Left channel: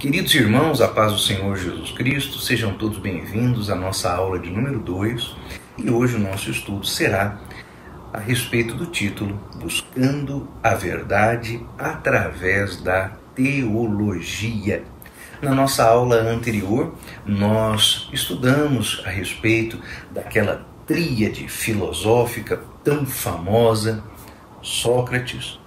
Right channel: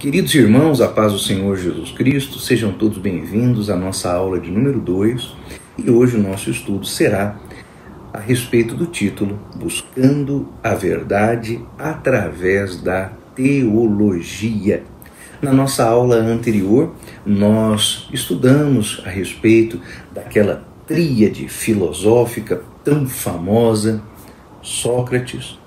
Queridos irmãos, a paz do Senhor Jesus Cristo, sejam todos bem-vindos à nossa aula de número 2 e hoje o nosso estudo será a respeito do título Buscando a Verdade através da Teologia. Na nossa aula anterior, nós estudamos a respeito daquela tríade filosófica tão famosa, Sócrates,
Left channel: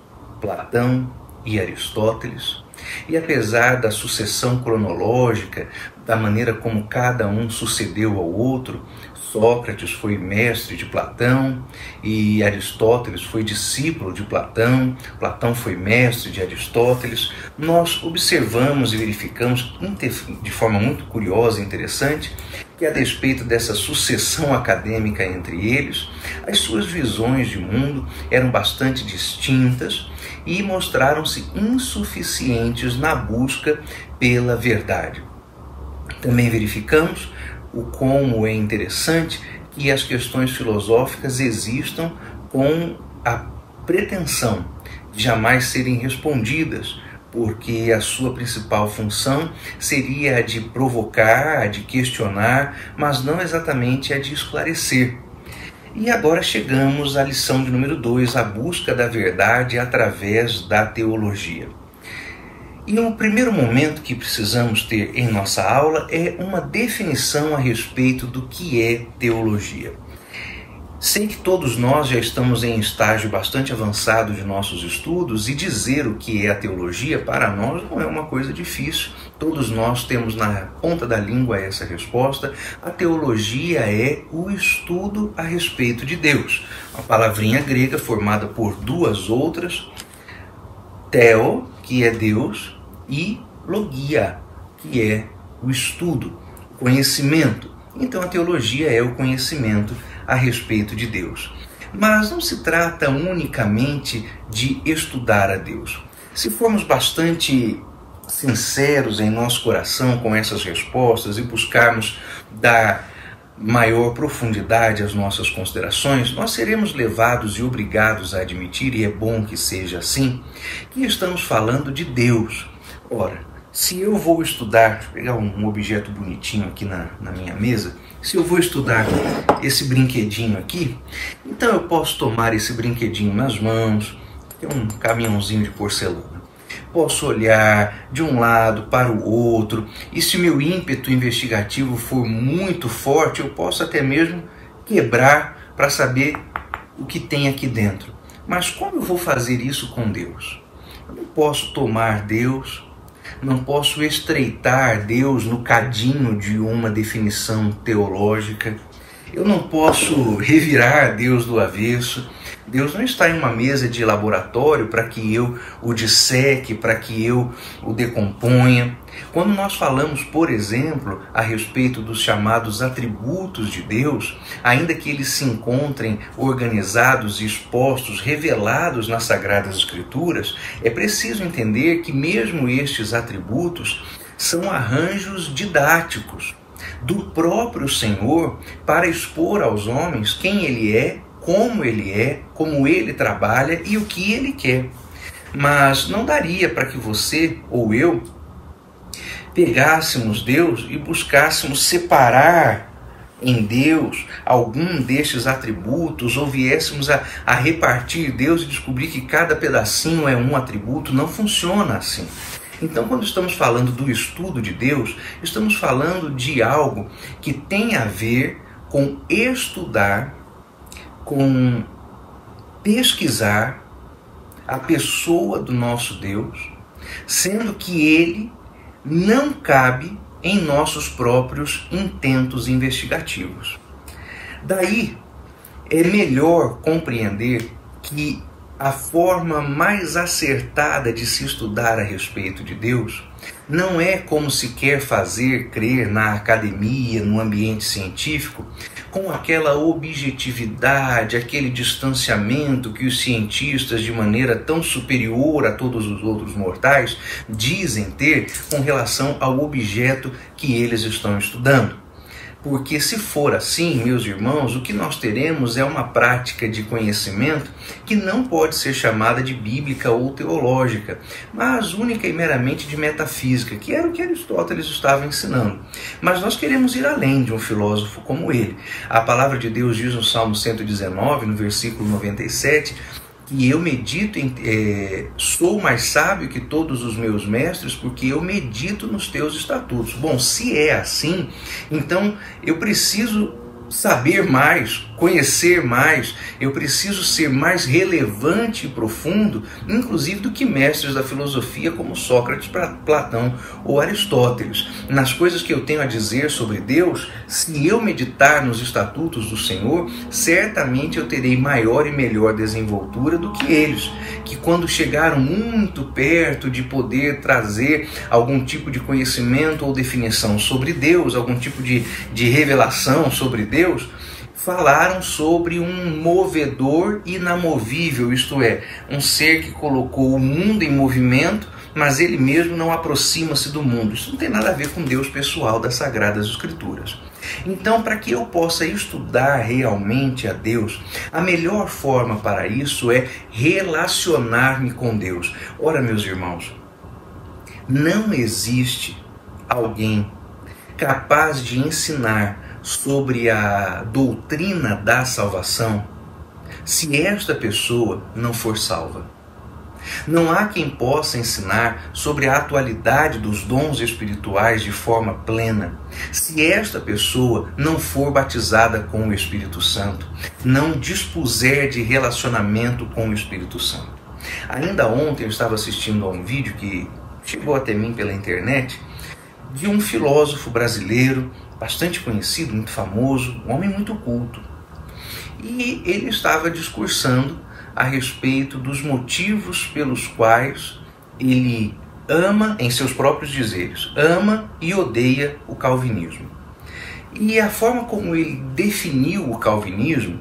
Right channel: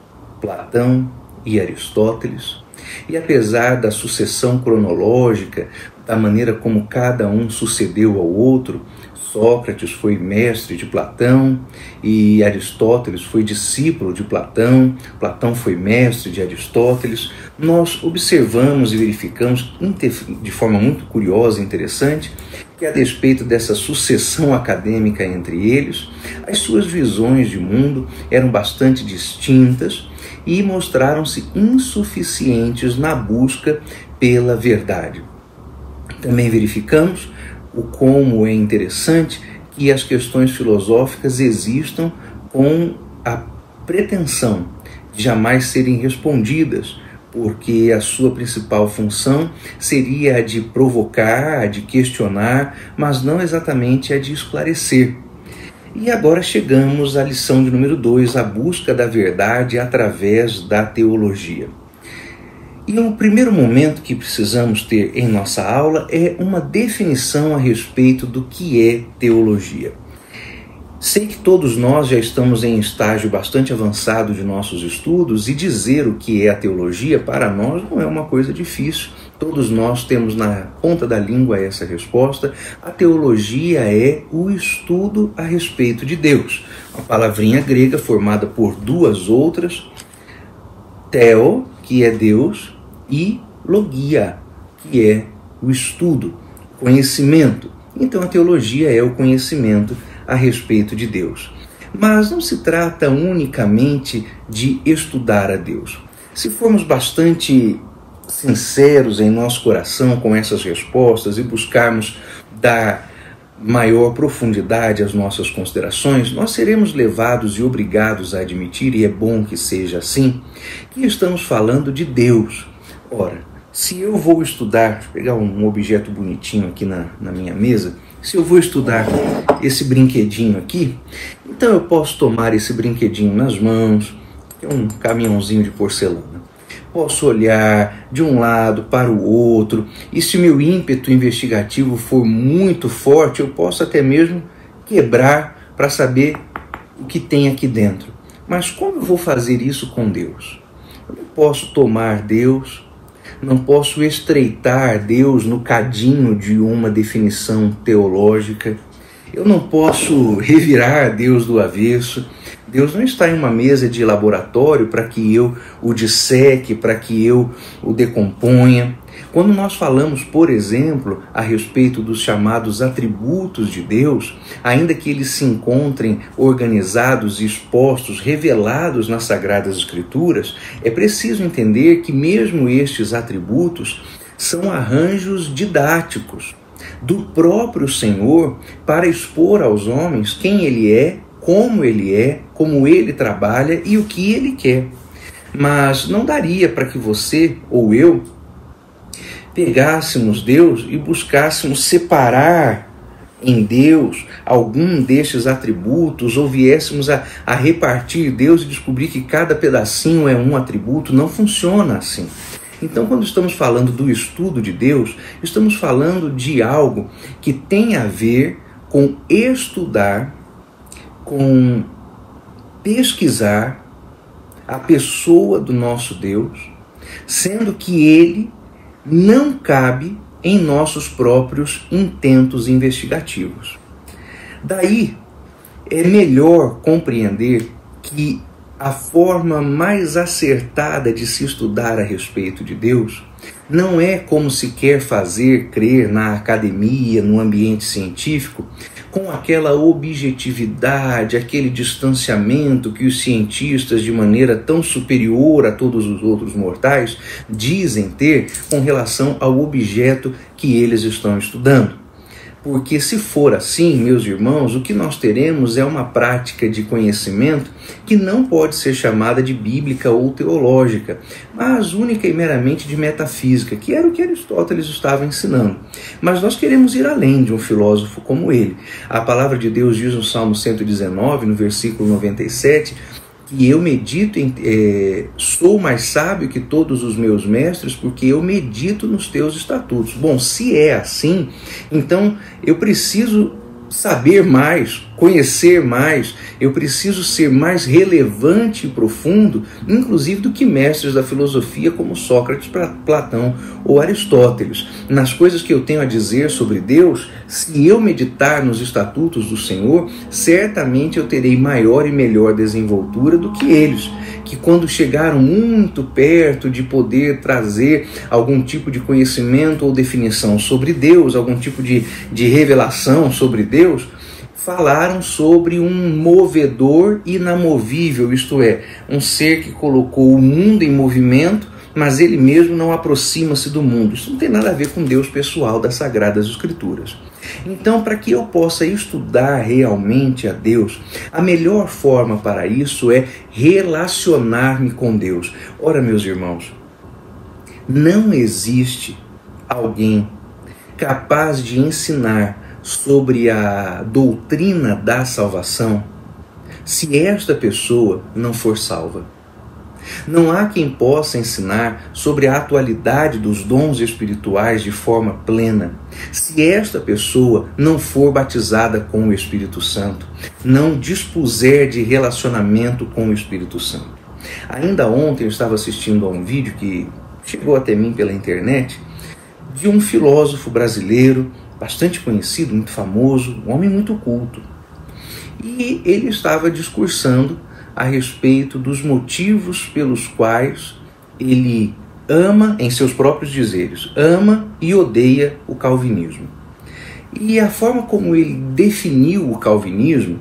Platão e Aristóteles. E apesar da sucessão cronológica, da maneira como cada um sucedeu ao outro, Sócrates foi mestre de Platão e Aristóteles foi discípulo de Platão, Platão foi mestre de Aristóteles, nós observamos e verificamos de forma muito curiosa e interessante que a despeito dessa sucessão acadêmica entre eles, as suas visões de mundo eram bastante distintas e mostraram-se insuficientes na busca pela verdade. Também verificamos o como é interessante que as questões filosóficas existam com a pretensão de jamais serem respondidas, porque a sua principal função seria a de provocar, a de questionar, mas não exatamente a de esclarecer. E agora chegamos à lição de número 2, a busca da verdade através da teologia. E o primeiro momento que precisamos ter em nossa aula é uma definição a respeito do que é teologia. Sei que todos nós já estamos em estágio bastante avançado de nossos estudos e dizer o que é a teologia para nós não é uma coisa difícil. Todos nós temos na ponta da língua essa resposta. A teologia é o estudo a respeito de Deus. Uma palavrinha grega formada por duas outras, theo, que é Deus, e logia, que é o estudo, conhecimento. Então a teologia é o conhecimento a respeito de Deus. Mas não se trata unicamente de estudar a Deus. Se formos bastante sinceros em nosso coração com essas respostas e buscarmos dar maior profundidade às nossas considerações, nós seremos levados e obrigados a admitir, e é bom que seja assim, que estamos falando de Deus. Ora, se eu vou estudar, deixa eu pegar um objeto bonitinho aqui na minha mesa, se eu vou estudar esse brinquedinho aqui, então eu posso tomar esse brinquedinho nas mãos, que é um caminhãozinho de porcelana. Posso olhar de um lado para o outro, e se meu ímpeto investigativo for muito forte, eu posso até mesmo quebrar para saber o que tem aqui dentro. Mas como eu vou fazer isso com Deus? Eu não posso tomar Deus, não posso estreitar Deus no cadinho de uma definição teológica, eu não posso revirar Deus do avesso. Deus não está em uma mesa de laboratório para que eu o disseque, para que eu o decomponha. Quando nós falamos, por exemplo, a respeito dos chamados atributos de Deus, ainda que eles se encontrem organizados, expostos, revelados nas Sagradas Escrituras, é preciso entender que mesmo estes atributos são arranjos didáticos do próprio Senhor para expor aos homens quem Ele é, como Ele trabalha e o que Ele quer. Mas não daria para que você ou eu pegássemos Deus e buscássemos separar em Deus algum destes atributos ou viéssemos a repartir Deus e descobrir que cada pedacinho é um atributo. Não funciona assim. Então, quando estamos falando do estudo de Deus, estamos falando de algo que tem a ver com estudar, com pesquisar a pessoa do nosso Deus, sendo que Ele não cabe em nossos próprios intentos investigativos. Daí, é melhor compreender que a forma mais acertada de se estudar a respeito de Deus não é como se quer fazer crer na academia, no ambiente científico, com aquela objetividade, aquele distanciamento que os cientistas, de maneira tão superior a todos os outros mortais, dizem ter com relação ao objeto que eles estão estudando. Porque se for assim, meus irmãos, o que nós teremos é uma prática de conhecimento que não pode ser chamada de bíblica ou teológica, mas única e meramente de metafísica, que era o que Aristóteles estava ensinando. Mas nós queremos ir além de um filósofo como ele. A palavra de Deus diz no Salmo 119, no versículo 97, e eu medito sou mais sábio que todos os meus mestres, porque eu medito nos teus estatutos. Bom, se é assim, então eu preciso saber mais, conhecer mais, eu preciso ser mais relevante e profundo, inclusive do que mestres da filosofia como Sócrates, Platão ou Aristóteles. Nas coisas que eu tenho a dizer sobre Deus, se eu meditar nos estatutos do Senhor, certamente eu terei maior e melhor desenvoltura do que eles, que quando chegaram muito perto de poder trazer algum tipo de conhecimento ou definição sobre Deus, algum tipo de revelação sobre Deus, falaram sobre um movedor inamovível, isto é, um ser que colocou o mundo em movimento, mas ele mesmo não aproxima-se do mundo. Isso não tem nada a ver com Deus pessoal das Sagradas Escrituras. Então, para que eu possa estudar realmente a Deus, a melhor forma para isso é relacionar-me com Deus. Ora, meus irmãos, não existe alguém capaz de ensinar sobre a doutrina da salvação se esta pessoa não for salva. Não há quem possa ensinar sobre a atualidade dos dons espirituais de forma plena se esta pessoa não for batizada com o Espírito Santo, não dispuser de relacionamento com o Espírito Santo. Ainda ontem eu estava assistindo a um vídeo que chegou até mim pela internet de um filósofo brasileiro bastante conhecido, muito famoso, um homem muito culto. E ele estava discursando a respeito dos motivos pelos quais ele ama, em seus próprios dizeres, ama e odeia o calvinismo. E a forma como ele definiu o calvinismo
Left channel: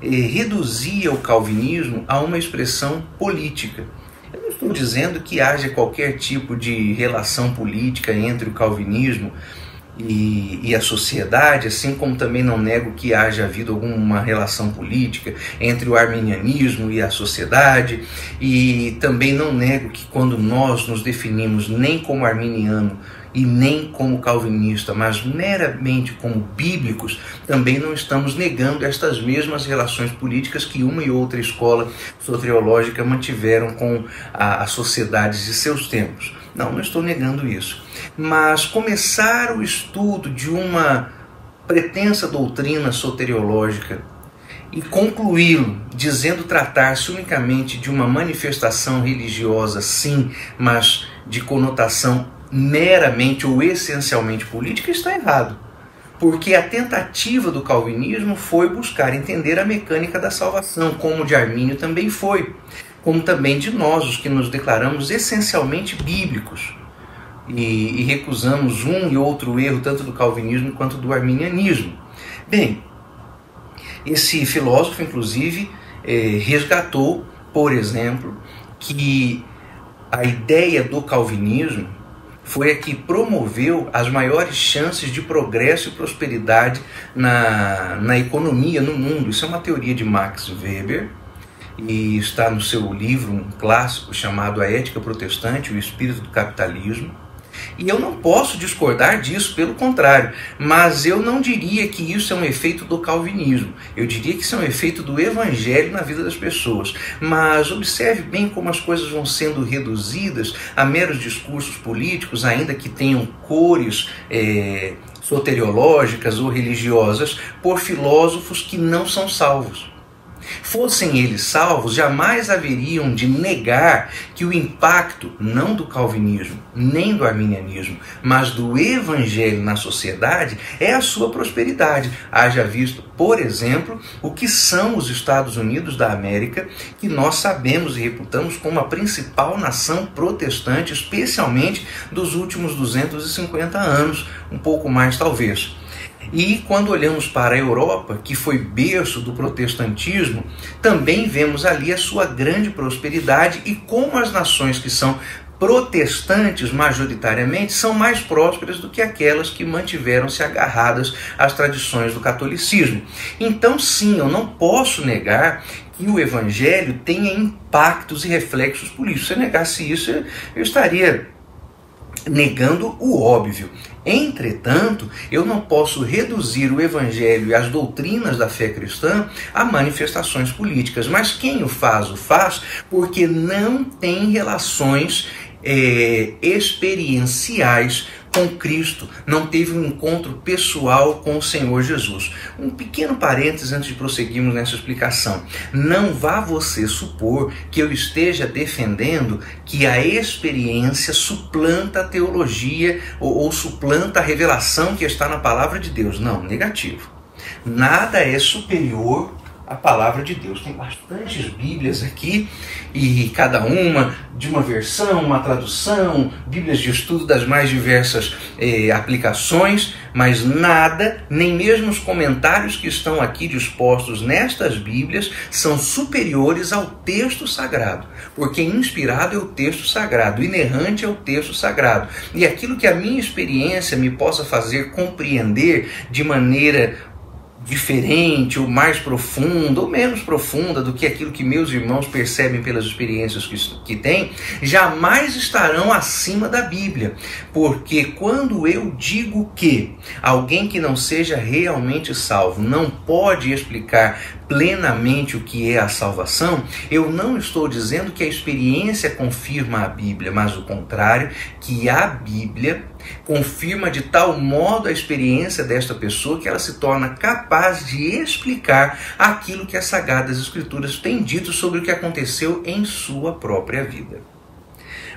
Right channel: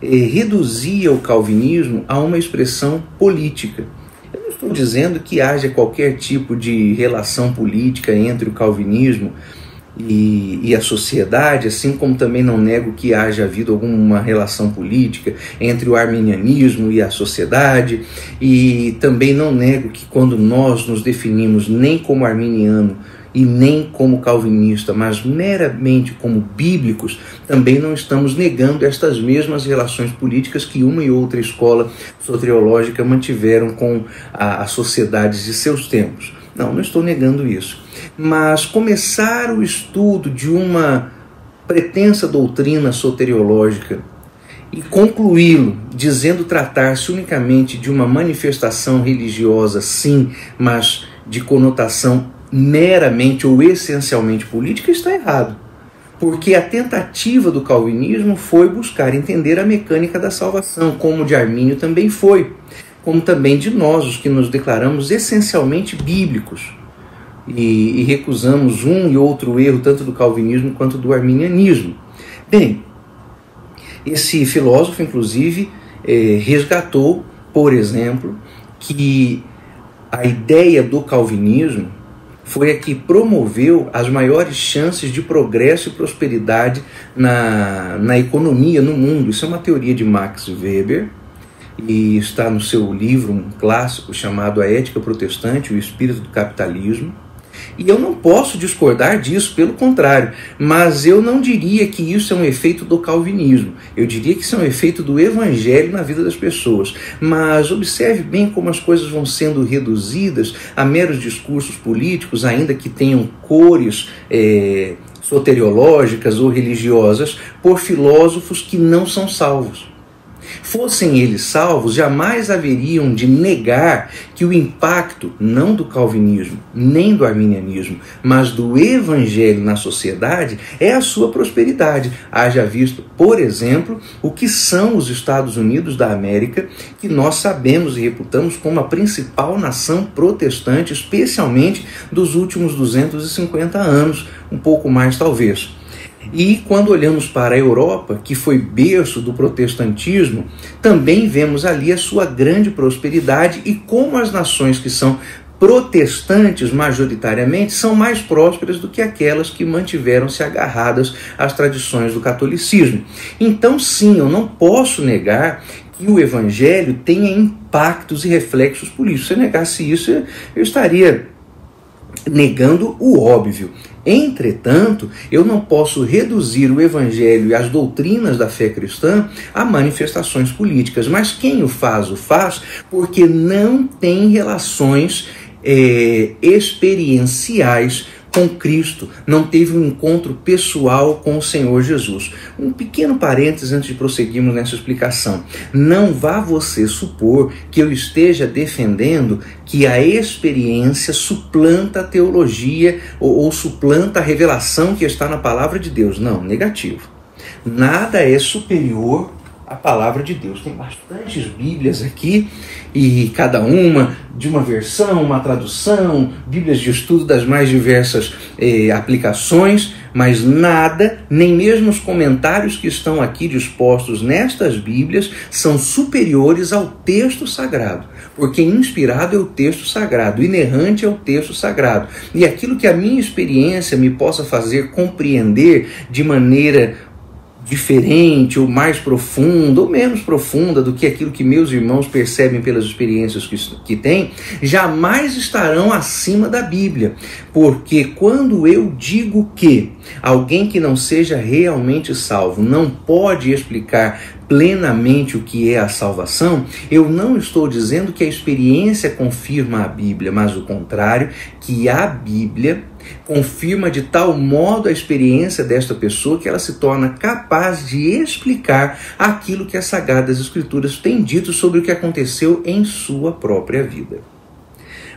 reduzia o calvinismo a uma expressão política. Eu não estou dizendo que haja qualquer tipo de relação política entre o calvinismo e a sociedade, assim como também não nego que haja havido alguma relação política entre o arminianismo e a sociedade, e também não nego que quando nós nos definimos nem como arminiano e nem como calvinista, mas meramente como bíblicos, também não estamos negando estas mesmas relações políticas que uma e outra escola soteriológica mantiveram com as sociedades de seus tempos. Não estou negando isso. Mas começar o estudo de uma pretensa doutrina soteriológica e concluí-lo dizendo tratar-se unicamente de uma manifestação religiosa, sim, mas de conotação meramente ou essencialmente política, está errado. Porque a tentativa do calvinismo foi buscar entender a mecânica da salvação, como de Armínio também foi, como também de nós, os que nos declaramos essencialmente bíblicos e recusamos um e outro erro, tanto do calvinismo quanto do arminianismo. Bem, esse filósofo, inclusive, resgatou, por exemplo, que a ideia do calvinismo foi a que promoveu as maiores chances de progresso e prosperidade na economia, no mundo. Isso é uma teoria de Max Weber, e está no seu livro, um clássico chamado A Ética Protestante, o Espírito do Capitalismo. E eu não posso discordar disso, pelo contrário, mas eu não diria que isso é um efeito do calvinismo. Eu diria que isso é um efeito do evangelho na vida das pessoas. Mas observe bem como as coisas vão sendo reduzidas a meros discursos políticos, ainda que tenham cores soteriológicas ou religiosas, por filósofos que não são salvos. Fossem eles salvos, jamais haveriam de negar que o impacto, não do calvinismo, nem do arminianismo, mas do evangelho na sociedade, é a sua prosperidade. Haja visto, por exemplo, o que são os Estados Unidos da América, que nós sabemos e reputamos como a principal nação protestante, especialmente dos últimos 250 anos, um pouco mais talvez. E quando olhamos para a Europa, que foi berço do protestantismo, também vemos ali a sua grande prosperidade e como as nações que são protestantes, majoritariamente, são mais prósperas do que aquelas que mantiveram-se agarradas às tradições do catolicismo. Então, sim, eu não posso negar que o evangelho tenha impactos e reflexos políticos. Se eu negasse isso, eu estaria negando o óbvio. Entretanto, eu não posso reduzir o evangelho e as doutrinas da fé cristã a manifestações políticas. Mas quem o faz porque não tem relações experienciais com Cristo, não teve um encontro pessoal com o Senhor Jesus. Um pequeno parênteses antes de prosseguirmos nessa explicação. Não vá você supor que eu esteja defendendo que a experiência suplanta a teologia ou suplanta a revelação que está na palavra de Deus. Não, negativo. Nada é superior a palavra de Deus. Tem bastantes Bíblias aqui, e cada uma de uma versão, uma tradução, Bíblias de estudo das mais diversas aplicações, mas nada, nem mesmo os comentários que estão aqui dispostos nestas Bíblias, são superiores ao texto sagrado, porque inspirado é o texto sagrado, inerrante é o texto sagrado, e aquilo que a minha experiência me possa fazer compreender de maneira diferente, ou mais profunda, ou menos profunda do que aquilo que meus irmãos percebem pelas experiências que têm, jamais estarão acima da Bíblia. Porque quando eu digo que alguém que não seja realmente salvo não pode explicar plenamente o que é a salvação, eu não estou dizendo que a experiência confirma a Bíblia, mas o contrário, que a Bíblia confirma de tal modo a experiência desta pessoa que ela se torna capaz de explicar aquilo que as Sagradas Escrituras têm dito sobre o que aconteceu em sua própria vida.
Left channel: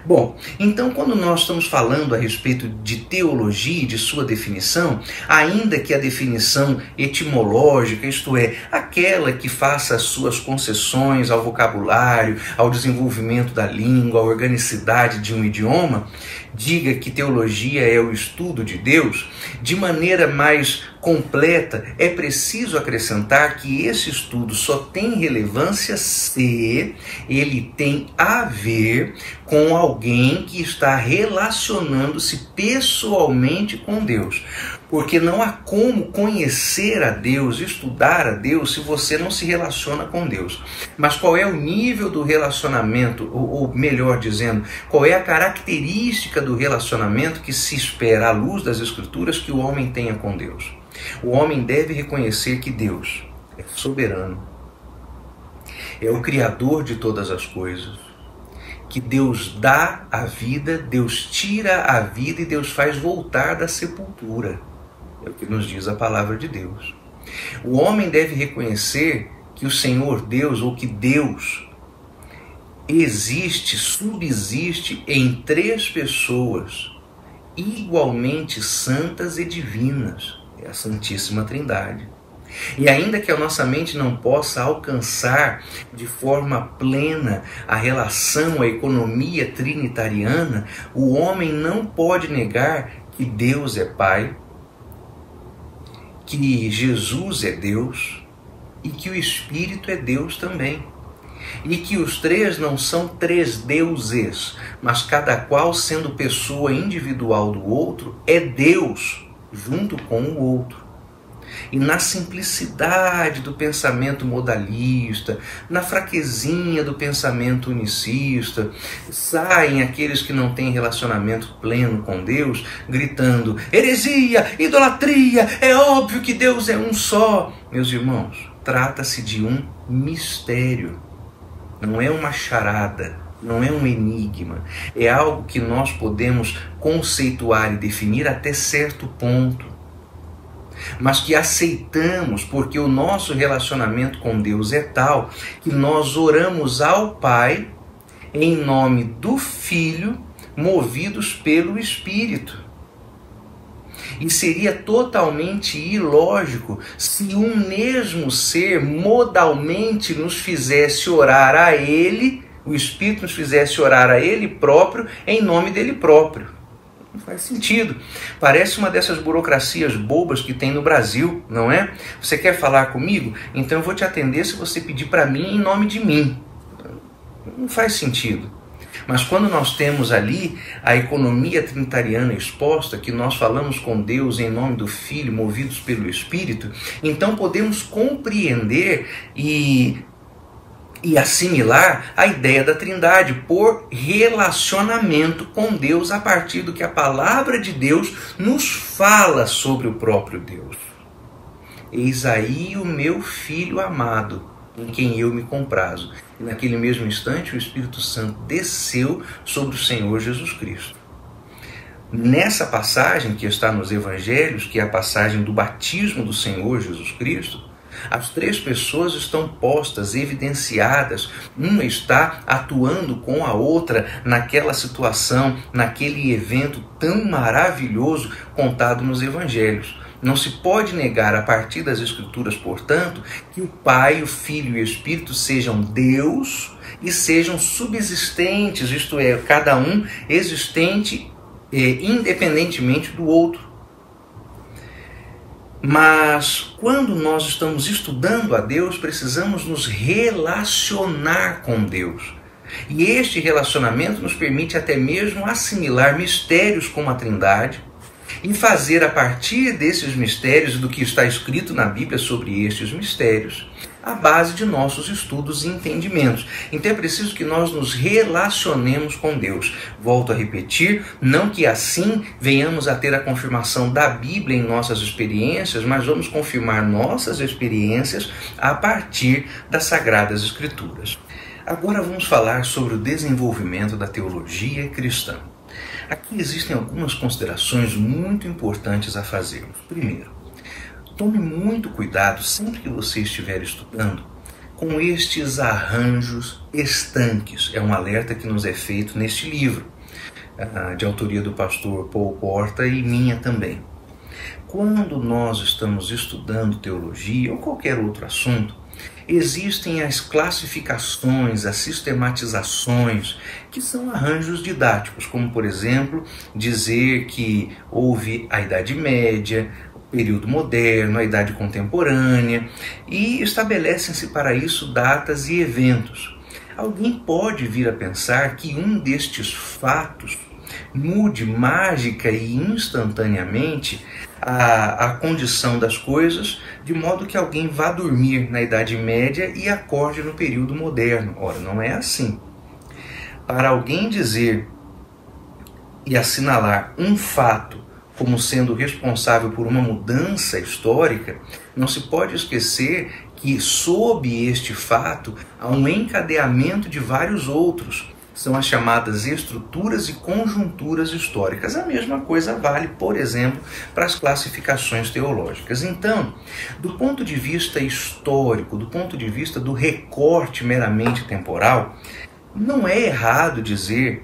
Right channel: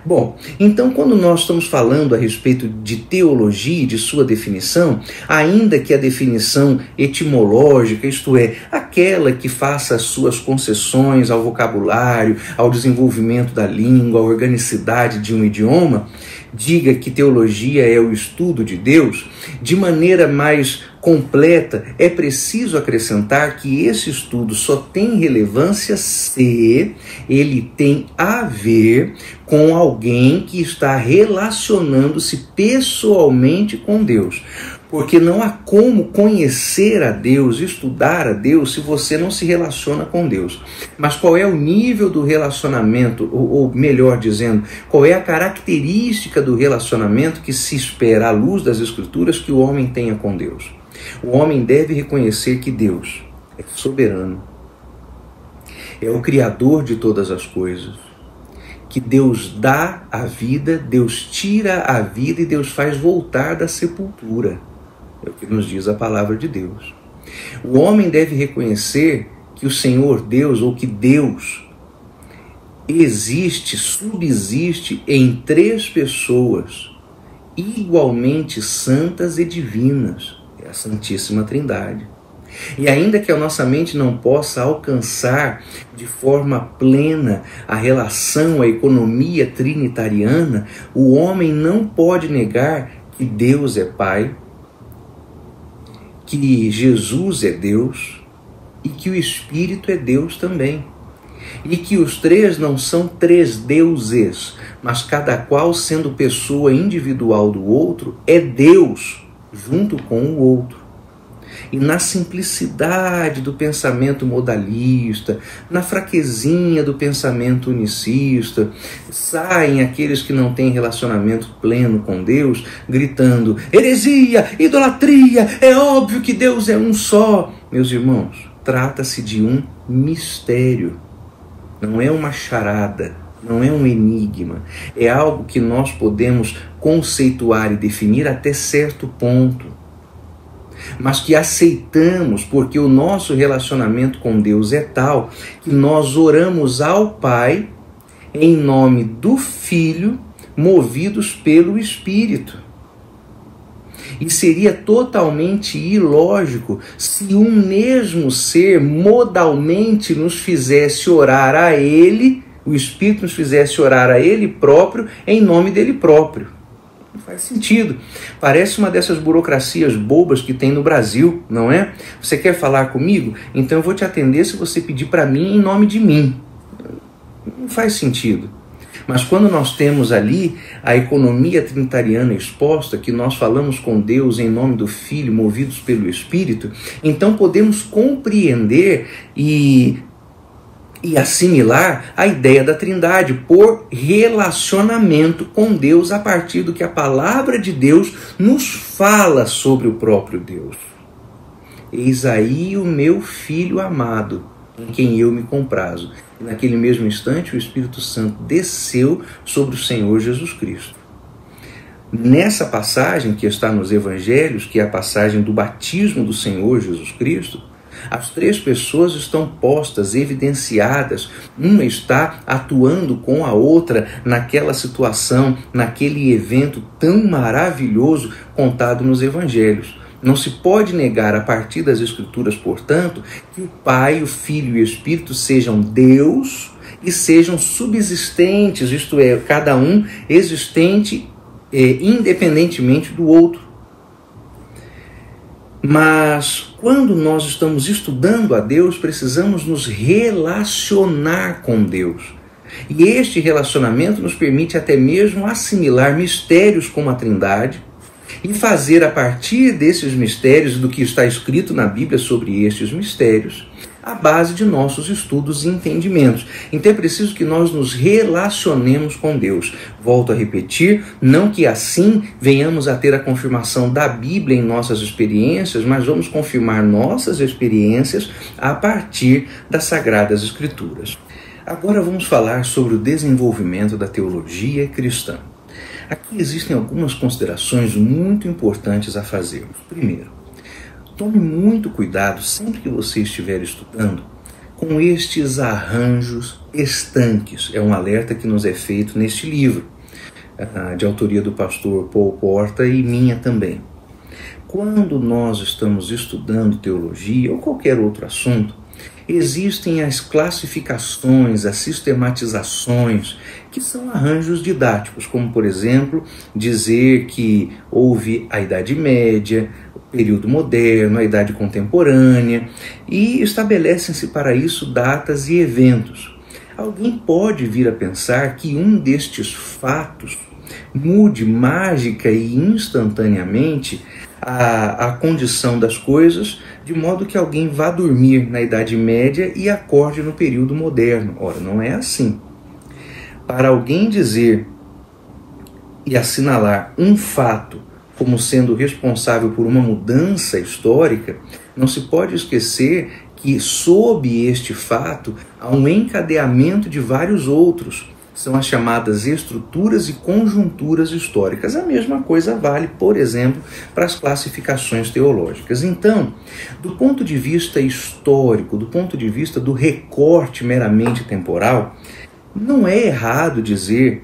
Bom, então quando nós estamos falando a respeito de teologia e de sua definição, ainda que a definição etimológica, isto é, aquela que faça as suas concessões ao vocabulário, ao desenvolvimento da língua, à organicidade de um idioma, diga que teologia é o estudo de Deus, de maneira mais completa, é preciso acrescentar que esse estudo só tem relevância se ele tem a ver com alguém que está relacionando-se pessoalmente com Deus. Porque não há como conhecer a Deus, estudar a Deus, se você não se relaciona com Deus. Mas qual é o nível do relacionamento, ou melhor dizendo, qual é a característica do relacionamento que se espera à luz das Escrituras que o homem tenha com Deus? O homem deve reconhecer que Deus é soberano, é o Criador de todas as coisas, que Deus dá a vida, Deus tira a vida e Deus faz voltar da sepultura. É o que nos diz a palavra de Deus. O homem deve reconhecer que o Senhor Deus, ou que Deus, existe, subsiste em três pessoas igualmente santas e divinas. É a Santíssima Trindade. E ainda que a nossa mente não possa alcançar de forma plena a relação, a economia trinitariana, o homem não pode negar que Deus é Pai, que Jesus é Deus e que o Espírito é Deus também. E que os três não são três deuses, mas cada qual sendo pessoa individual do outro, é Deus junto com o outro. E na simplicidade do pensamento modalista, na fraquezinha do pensamento unicista, saem aqueles que não têm relacionamento pleno com Deus, gritando: heresia, idolatria, é óbvio que Deus é um só. Meus irmãos, trata-se de um mistério, não é uma charada, não é um enigma, é algo que nós podemos conceituar e definir até certo ponto, mas que aceitamos porque o nosso relacionamento com Deus é tal que nós oramos ao Pai em nome do Filho, movidos pelo Espírito. E seria totalmente ilógico se um mesmo ser modalmente nos fizesse orar a Ele, o Espírito nos fizesse orar a Ele próprio em nome dele próprio. Faz sentido. Parece uma dessas burocracias bobas que tem no Brasil, não é? Você quer falar comigo? Então eu vou te atender se você pedir para mim em nome de mim. Não faz sentido. Mas quando nós temos ali a economia trinitariana exposta, que nós falamos com Deus em nome do Filho, movidos pelo Espírito, então podemos compreender e assimilar a ideia da Trindade por relacionamento com Deus a partir do que a palavra de Deus nos fala sobre o próprio Deus. Eis aí o meu Filho amado, em quem eu me comprazo. E naquele mesmo instante o Espírito Santo desceu sobre o Senhor Jesus Cristo. Nessa passagem que está nos Evangelhos, que é a passagem do batismo do Senhor Jesus Cristo, as três pessoas estão postas, evidenciadas. Uma está atuando com a outra naquela situação, naquele evento tão maravilhoso contado nos Evangelhos. Não se pode negar a partir das Escrituras, portanto, que o Pai, o Filho e o Espírito sejam Deus e sejam subsistentes, isto é, cada um existente independentemente do outro. Mas quando nós estamos estudando a Deus, precisamos nos relacionar com Deus. E este relacionamento nos permite até mesmo assimilar mistérios como a Trindade, e fazer a partir desses mistérios, do que está escrito na Bíblia sobre estes mistérios, a base de nossos estudos e entendimentos. Então é preciso que nós nos relacionemos com Deus. Volto a repetir, não que assim venhamos a ter a confirmação da Bíblia em nossas experiências, mas vamos confirmar nossas experiências a partir das Sagradas Escrituras. Agora vamos falar sobre o desenvolvimento da teologia cristã. Aqui existem algumas considerações muito importantes a fazermos. Primeiro, tome muito cuidado sempre que você estiver estudando com estes arranjos estanques. É um alerta que nos é feito neste livro, de autoria do pastor Paul Porta e minha também. Quando nós estamos estudando teologia ou qualquer outro assunto, existem as classificações, as sistematizações, que são arranjos didáticos, como, por exemplo, dizer que houve a Idade Média, o período moderno, a Idade Contemporânea, e estabelecem-se para isso datas e eventos. Alguém pode vir a pensar que um destes fatos mude mágica e instantaneamente a condição das coisas, de modo que alguém vá dormir na Idade Média e acorde no período moderno. Ora, não é assim. Para alguém dizer e assinalar um fato como sendo responsável por uma mudança histórica, não se pode esquecer que sob este fato há um encadeamento de vários outros. São as chamadas estruturas e conjunturas históricas. A mesma coisa vale, por exemplo, para as classificações teológicas. Então, do ponto de vista histórico, do ponto de vista do recorte meramente temporal, não é errado dizer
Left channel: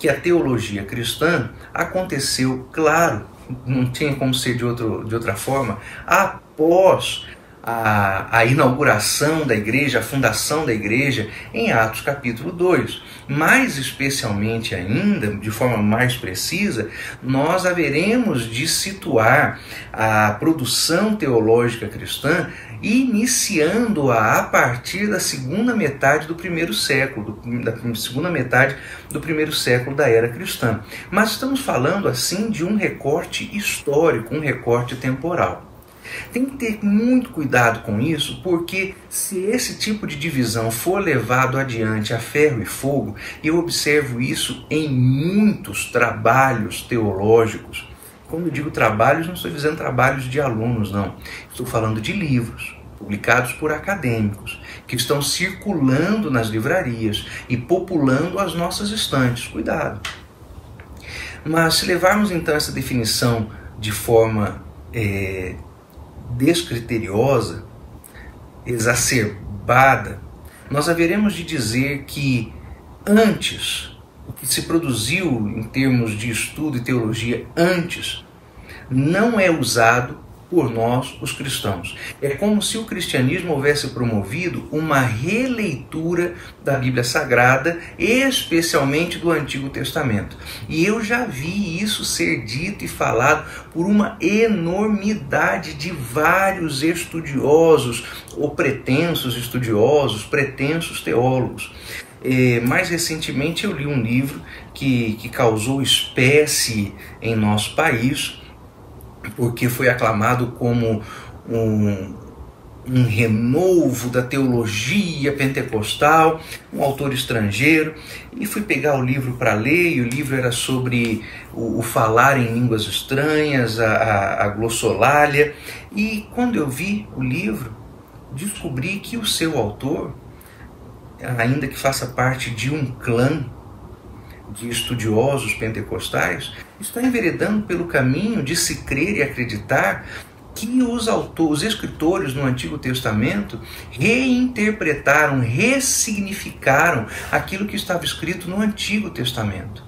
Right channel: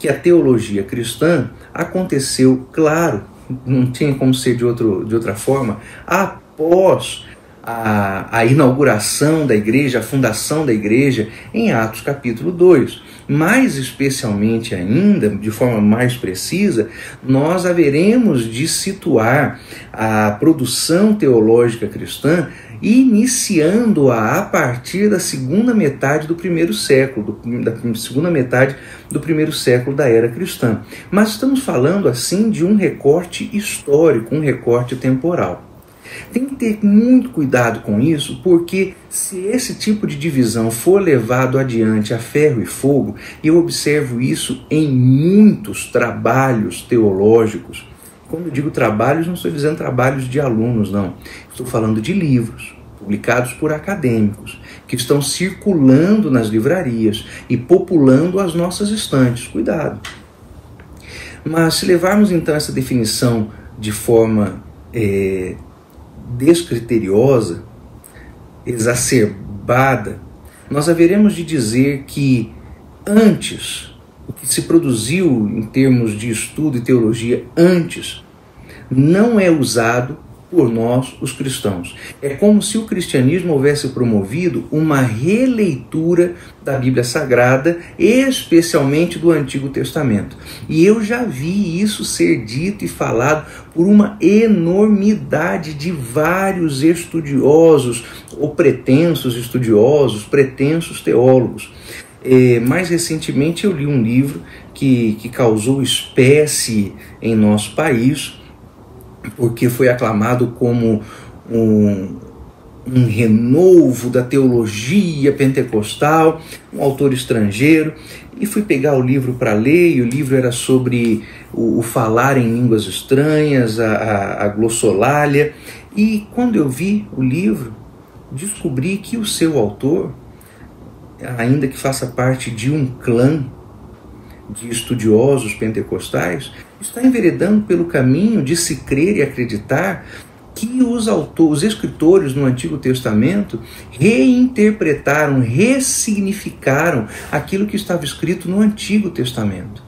que a teologia cristã aconteceu, claro, não tinha como ser de outra forma, após a inauguração da igreja, a fundação da igreja, em Atos capítulo 2. Mais especialmente ainda, de forma mais precisa, nós haveremos de situar a produção teológica cristã iniciando-a a partir da segunda metade do primeiro século, da segunda metade do primeiro século da era cristã. Mas estamos falando assim de um recorte histórico, um recorte temporal. Tem que ter muito cuidado com isso, porque se esse tipo de divisão for levado adiante a ferro e fogo, e eu observo isso em muitos trabalhos teológicos. Quando eu digo trabalhos, não estou dizendo trabalhos de alunos, não. Estou falando de livros publicados por acadêmicos, que estão circulando nas livrarias e populando as nossas estantes. Cuidado. Mas se levarmos então essa definição de forma descriteriosa, exacerbada, nós haveremos de dizer que antes, o que se produziu em termos de estudo e teologia antes, não é usado por nós, os cristãos. É como se o cristianismo houvesse promovido uma releitura da Bíblia Sagrada, especialmente do Antigo Testamento. E eu já vi isso ser dito e falado por uma enormidade de vários estudiosos, ou pretensos estudiosos, pretensos teólogos. Mais recentemente eu li um livro que causou espécie em nosso país, porque foi aclamado como um renovo da teologia pentecostal, um autor estrangeiro, e fui pegar o livro para ler, e o livro era sobre o falar em línguas estranhas, a glossolalia, e quando eu vi o livro, descobri que o seu autor, ainda que faça parte de um clã de estudiosos pentecostais, está enveredando pelo caminho de se crer e acreditar que os escritores no Antigo Testamento reinterpretaram, ressignificaram aquilo que estava escrito no Antigo Testamento.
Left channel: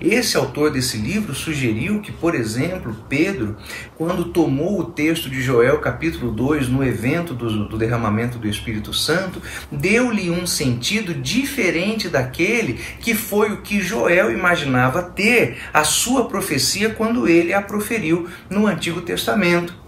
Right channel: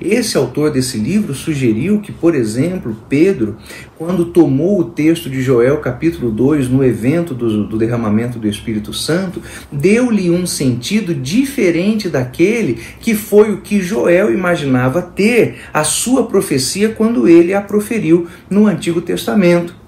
Esse autor desse livro sugeriu que, por exemplo, Pedro, quando tomou o texto de Joel capítulo 2, no evento do derramamento do Espírito Santo, deu-lhe um sentido diferente daquele que foi o que Joel imaginava ter a sua profecia quando ele a proferiu no Antigo Testamento.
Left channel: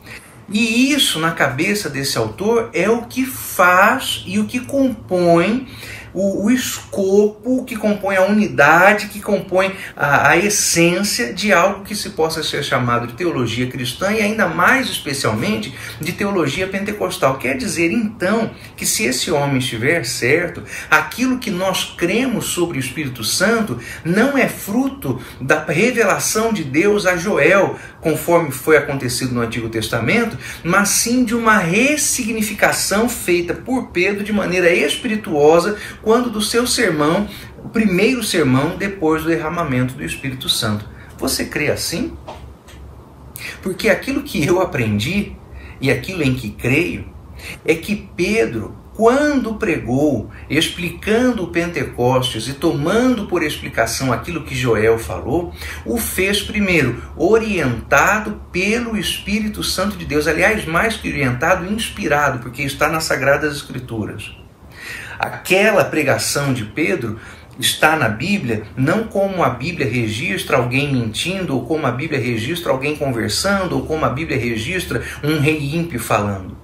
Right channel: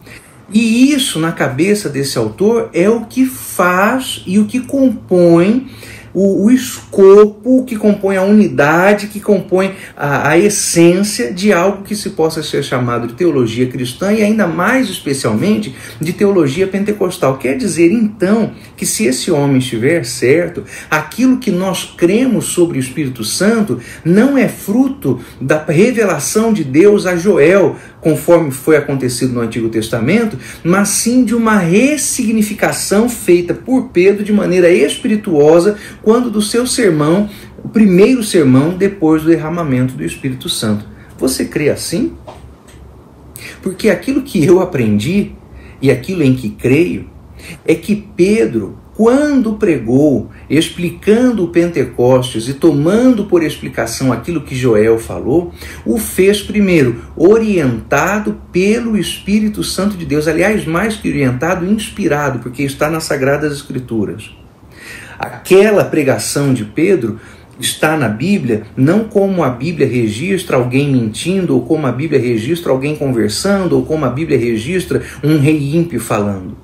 E isso, na cabeça desse autor, é o que faz e o que compõe o escopo, que compõe a unidade, que compõe a essência de algo que se possa ser chamado de teologia cristã e ainda mais especialmente de teologia pentecostal. Quer dizer, então, que se esse homem estiver certo, aquilo que nós cremos sobre o Espírito Santo não é fruto da revelação de Deus a Joel, conforme foi acontecido no Antigo Testamento, mas sim de uma ressignificação feita por Pedro de maneira espirituosa, quando do seu sermão, o primeiro sermão depois do derramamento do Espírito Santo. Você crê assim? Porque aquilo que eu aprendi e aquilo em que creio é que Pedro, quando pregou, explicando o Pentecostes e tomando por explicação aquilo que Joel falou, o fez primeiro orientado pelo Espírito Santo de Deus. Aliás, mais que orientado, inspirado, porque está nas Sagradas Escrituras. Aquela pregação de Pedro está na Bíblia, não como a Bíblia registra alguém mentindo, ou como a Bíblia registra alguém conversando, ou como a Bíblia registra um rei ímpio falando.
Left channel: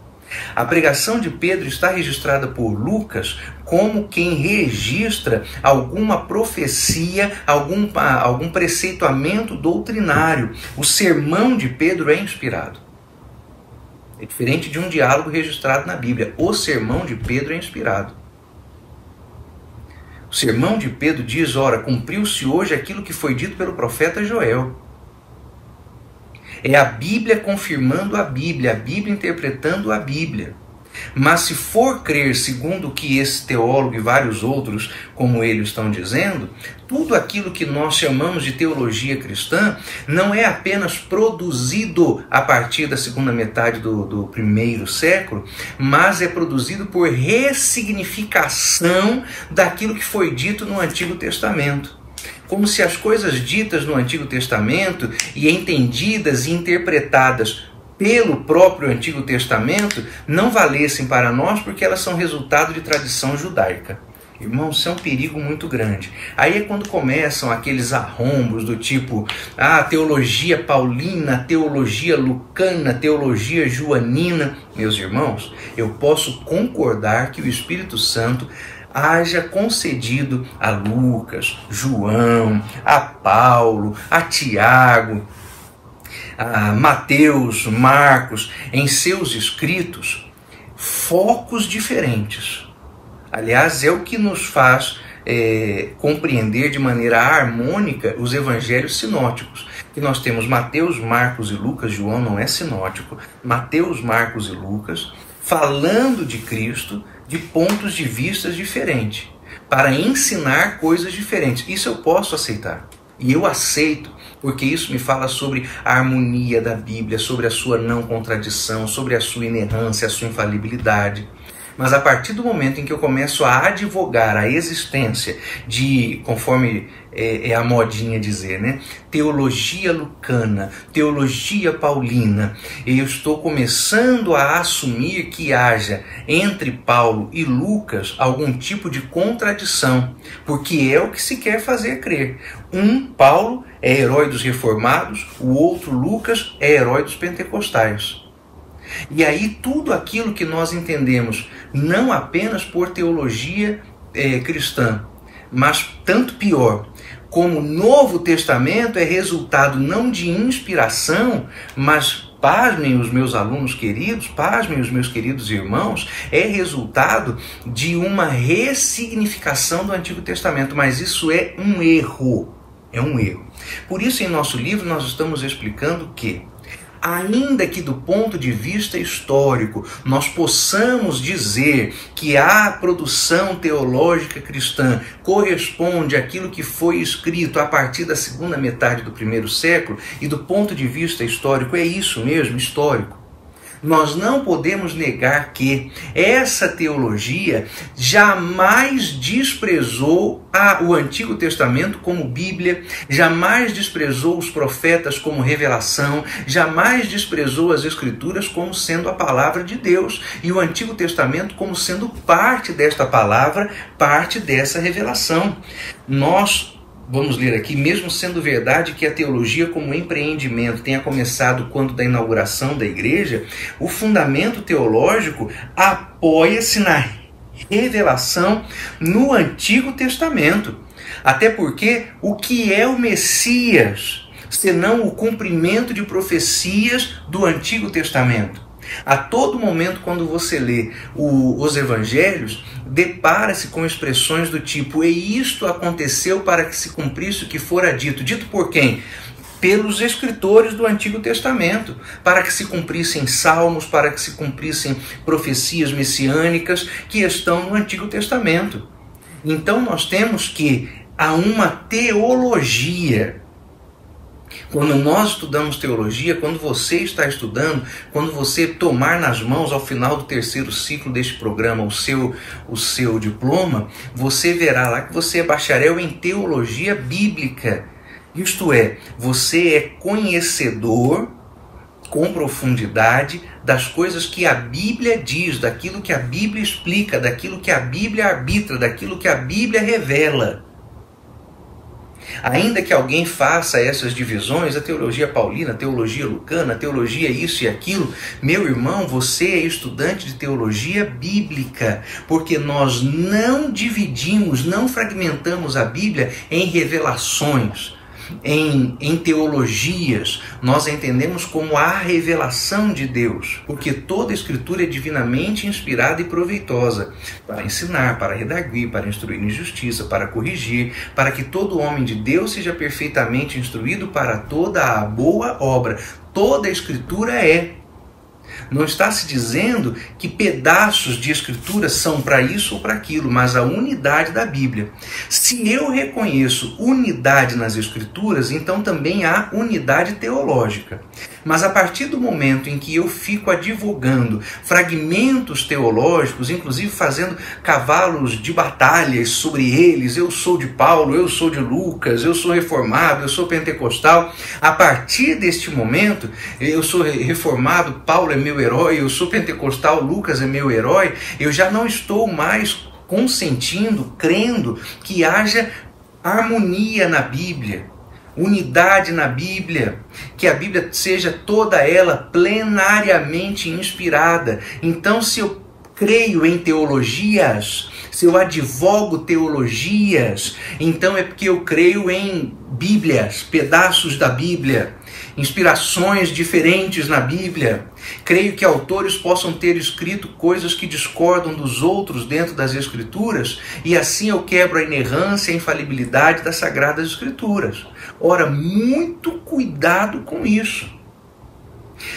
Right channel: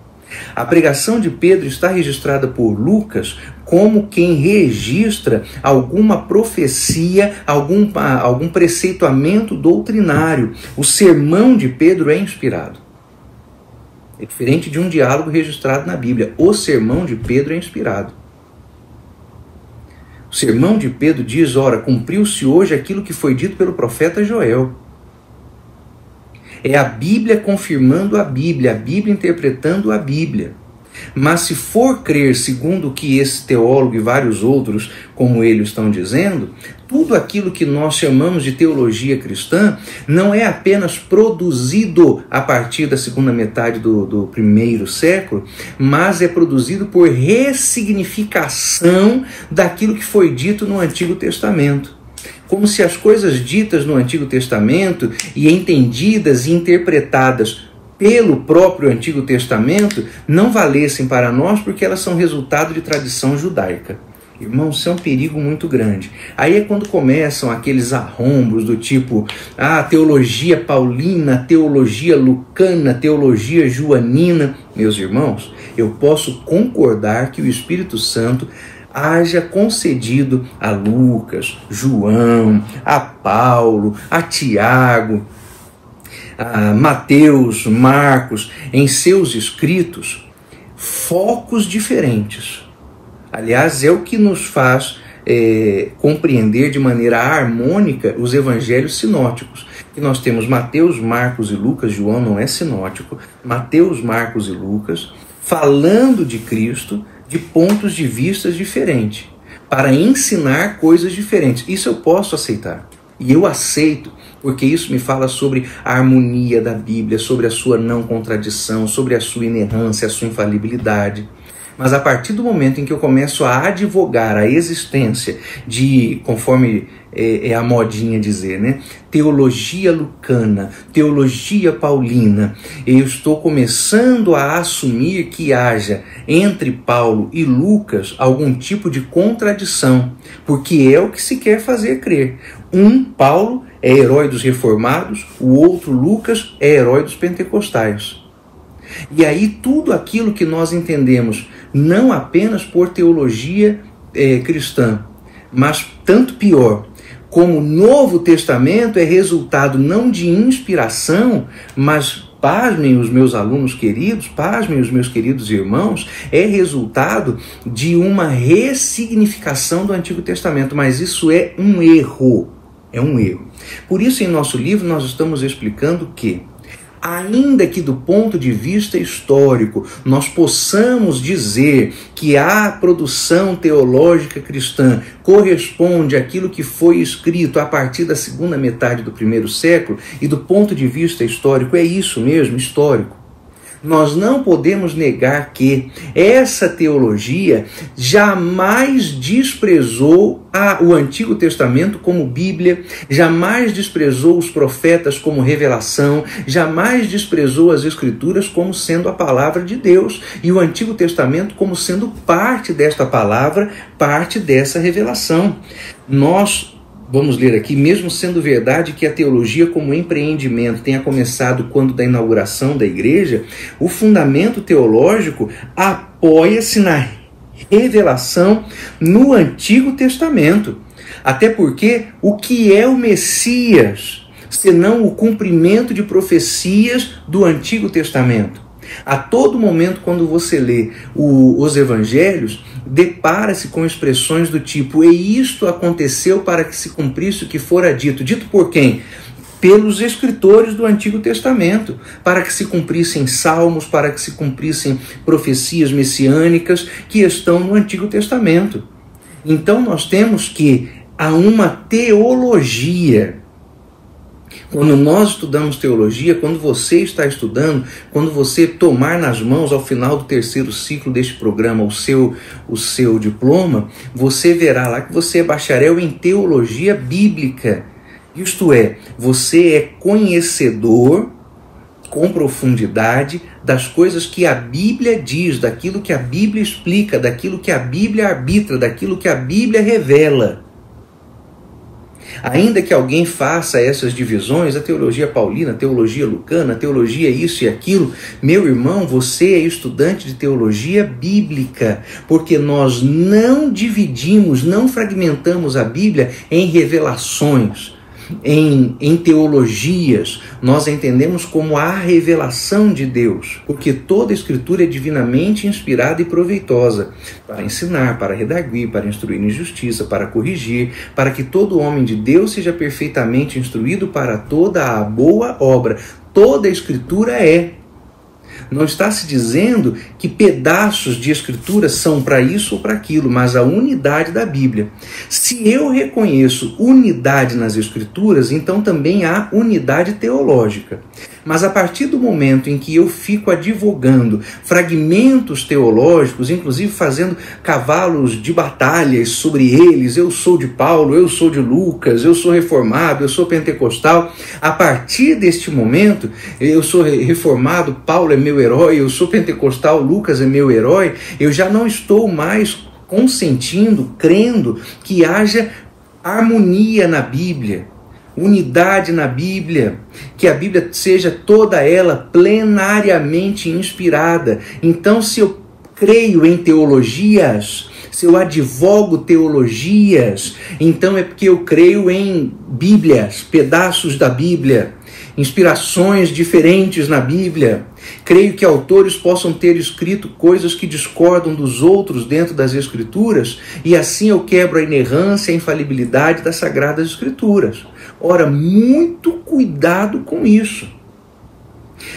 A pregação de Pedro está registrada por Lucas como quem registra alguma profecia, algum preceituamento doutrinário. O sermão de Pedro é inspirado. É diferente de um diálogo registrado na Bíblia. O sermão de Pedro é inspirado. O sermão de Pedro diz, ora, cumpriu-se hoje aquilo que foi dito pelo profeta Joel. É a Bíblia confirmando a Bíblia interpretando a Bíblia. Mas se for crer segundo o que esse teólogo e vários outros como ele estão dizendo, tudo aquilo que nós chamamos de teologia cristã não é apenas produzido a partir da segunda metade do primeiro século, mas é produzido por ressignificação daquilo que foi dito no Antigo Testamento. Como se as coisas ditas no Antigo Testamento e entendidas e interpretadas pelo próprio Antigo Testamento não valessem para nós porque elas são resultado de tradição judaica. Irmãos, isso é um perigo muito grande. Aí é quando começam aqueles arrombos do tipo teologia paulina, teologia lucana, teologia joanina. Meus irmãos, eu posso concordar que o Espírito Santo haja concedido a Lucas, João, a Paulo, a Tiago, a Mateus, Marcos, em seus escritos, focos diferentes. Aliás, é o que nos faz compreender de maneira harmônica os evangelhos sinóticos. E nós temos Mateus, Marcos e Lucas. João não é sinótico. Mateus, Marcos e Lucas, falando de Cristo de pontos de vista diferentes, para ensinar coisas diferentes. Isso eu posso aceitar. E eu aceito, porque isso me fala sobre a harmonia da Bíblia, sobre a sua não contradição, sobre a sua inerrância, a sua infalibilidade. Mas a partir do momento em que eu começo a advogar a existência de, conforme é a modinha dizer, né? Teologia lucana, teologia paulina, eu estou começando a assumir que haja entre Paulo e Lucas algum tipo de contradição, porque é o que se quer fazer crer. Paulo é herói dos reformados, o outro Lucas é herói dos pentecostais. E aí tudo aquilo que nós entendemos, não apenas por teologia cristã, mas tanto pior, como o Novo Testamento é resultado não de inspiração, mas, pasmem os meus alunos queridos, pasmem os meus queridos irmãos, é resultado de uma ressignificação do Antigo Testamento, mas isso é um erro, Por isso, em nosso livro, nós estamos explicando que, ainda que do ponto de vista histórico nós possamos dizer que a produção teológica cristã corresponde àquilo que foi escrito a partir da segunda metade do primeiro século, e do ponto de vista histórico é isso mesmo, histórico. Nós não podemos negar que essa teologia jamais desprezou o Antigo Testamento como Bíblia, jamais desprezou os profetas como revelação, jamais desprezou as Escrituras como sendo a palavra de Deus, e o Antigo Testamento como sendo parte desta palavra, parte dessa revelação. Vamos ler aqui, mesmo sendo verdade que a teologia como empreendimento tenha começado quando da inauguração da igreja, o fundamento teológico apoia-se na revelação no Antigo Testamento. Até porque o que é o Messias, senão o cumprimento de profecias do Antigo Testamento? A todo momento, quando você lê os evangelhos, depara-se com expressões do tipo: e isto aconteceu para que se cumprisse o que fora dito. Dito por quem? Pelos escritores do Antigo Testamento, para que se cumprissem salmos, para que se cumprissem profecias messiânicas que estão no Antigo Testamento. Então nós temos que há uma teologia. Quando nós estudamos teologia, quando você está estudando, quando você tomar nas mãos ao final do terceiro ciclo deste programa o seu diploma, você verá lá que você é bacharel em teologia bíblica. Isto é, você é conhecedor com profundidade das coisas que a Bíblia diz, daquilo que a Bíblia explica, daquilo que a Bíblia arbitra, daquilo que a Bíblia revela. Ainda que alguém faça essas divisões, a teologia paulina, a teologia lucana, a teologia isso e aquilo, meu irmão, você é estudante de teologia bíblica, porque nós não dividimos, não fragmentamos a Bíblia em revelações, em teologias. Nós entendemos como a revelação de Deus, porque toda a Escritura é divinamente inspirada e proveitosa para ensinar, para redarguir, para instruir em justiça, para corrigir, para que todo homem de Deus seja perfeitamente instruído para toda a boa obra. Toda a Escritura é. Não está se dizendo que pedaços de Escritura são para isso ou para aquilo, mas a unidade da Bíblia. Se eu reconheço unidade nas Escrituras, então também há unidade teológica. Mas a partir do momento em que eu fico advogando fragmentos teológicos, inclusive fazendo cavalos de batalhas sobre eles, eu sou de Paulo, eu sou de Lucas, eu sou reformado, eu sou pentecostal, a partir deste momento, eu sou reformado, Paulo é meu herói, eu sou pentecostal, Lucas é meu herói, eu já não estou mais consentindo, crendo que haja harmonia na Bíblia, unidade na Bíblia, que a Bíblia seja toda ela plenariamente inspirada. Então, se eu creio em teologias, se eu advogo teologias, então é porque eu creio em Bíblias, pedaços da Bíblia, inspirações diferentes na Bíblia. Creio que autores possam ter escrito coisas que discordam dos outros dentro das Escrituras, e assim eu quebro a inerrância e a infalibilidade das Sagradas Escrituras. Ora, muito cuidado com isso.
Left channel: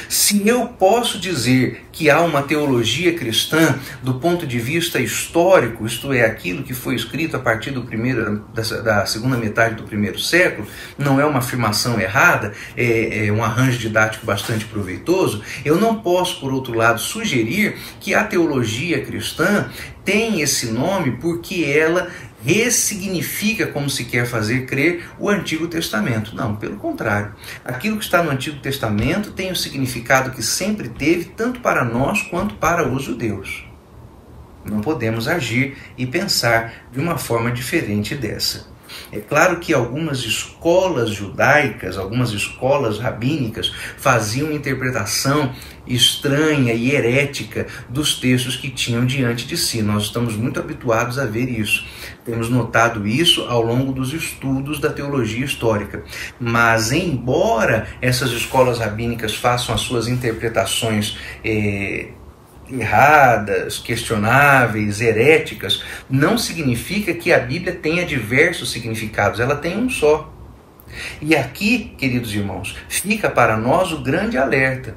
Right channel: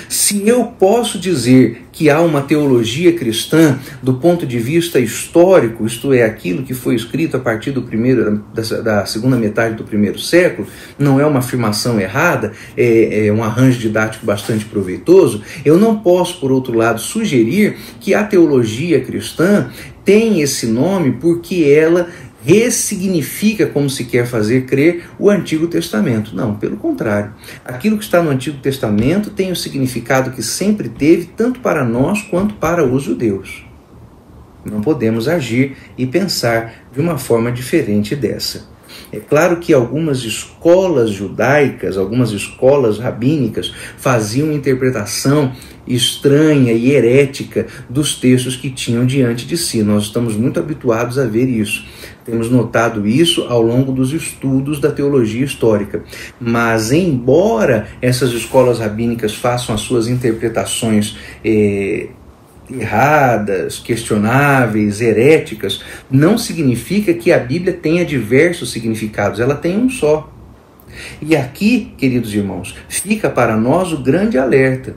Se eu posso dizer que há uma teologia cristã do ponto de vista histórico, isto é, aquilo que foi escrito a partir da segunda metade do primeiro século, não é uma afirmação errada, é um arranjo didático bastante proveitoso, eu não posso, por outro lado, sugerir que a teologia cristã tem esse nome porque ela ressignifica, como se quer fazer crer, o Antigo Testamento. Não, pelo contrário. Aquilo que está no Antigo Testamento tem o significado que sempre teve, tanto para nós quanto para os judeus. Não podemos agir e pensar de uma forma diferente dessa. É claro que algumas escolas judaicas, algumas escolas rabínicas faziam interpretação estranha e herética dos textos que tinham diante de si. Nós estamos muito habituados a ver isso. Temos notado isso ao longo dos estudos da teologia histórica. Mas, embora essas escolas rabínicas façam as suas interpretações erradas, questionáveis, heréticas, não significa que a Bíblia tenha diversos significados. Ela tem um só. E aqui, queridos irmãos, fica para nós o grande alerta,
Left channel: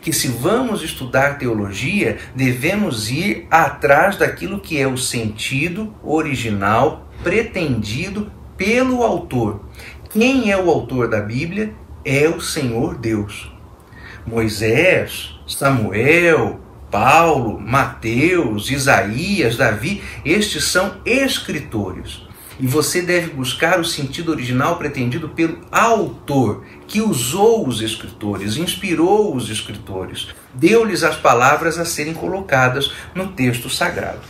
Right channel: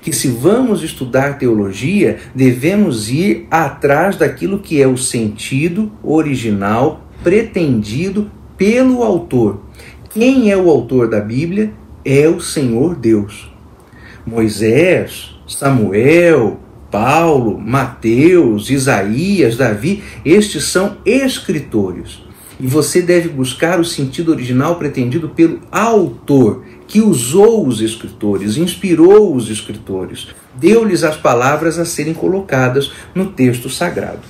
que se vamos estudar teologia, devemos ir atrás daquilo que é o sentido original pretendido pelo autor. Quem é o autor da Bíblia? É o Senhor Deus. Moisés, Samuel, Paulo, Mateus, Isaías, Davi, estes são escritores. E você deve buscar o sentido original pretendido pelo autor, que usou os escritores, inspirou os escritores, deu-lhes as palavras a serem colocadas no texto sagrado.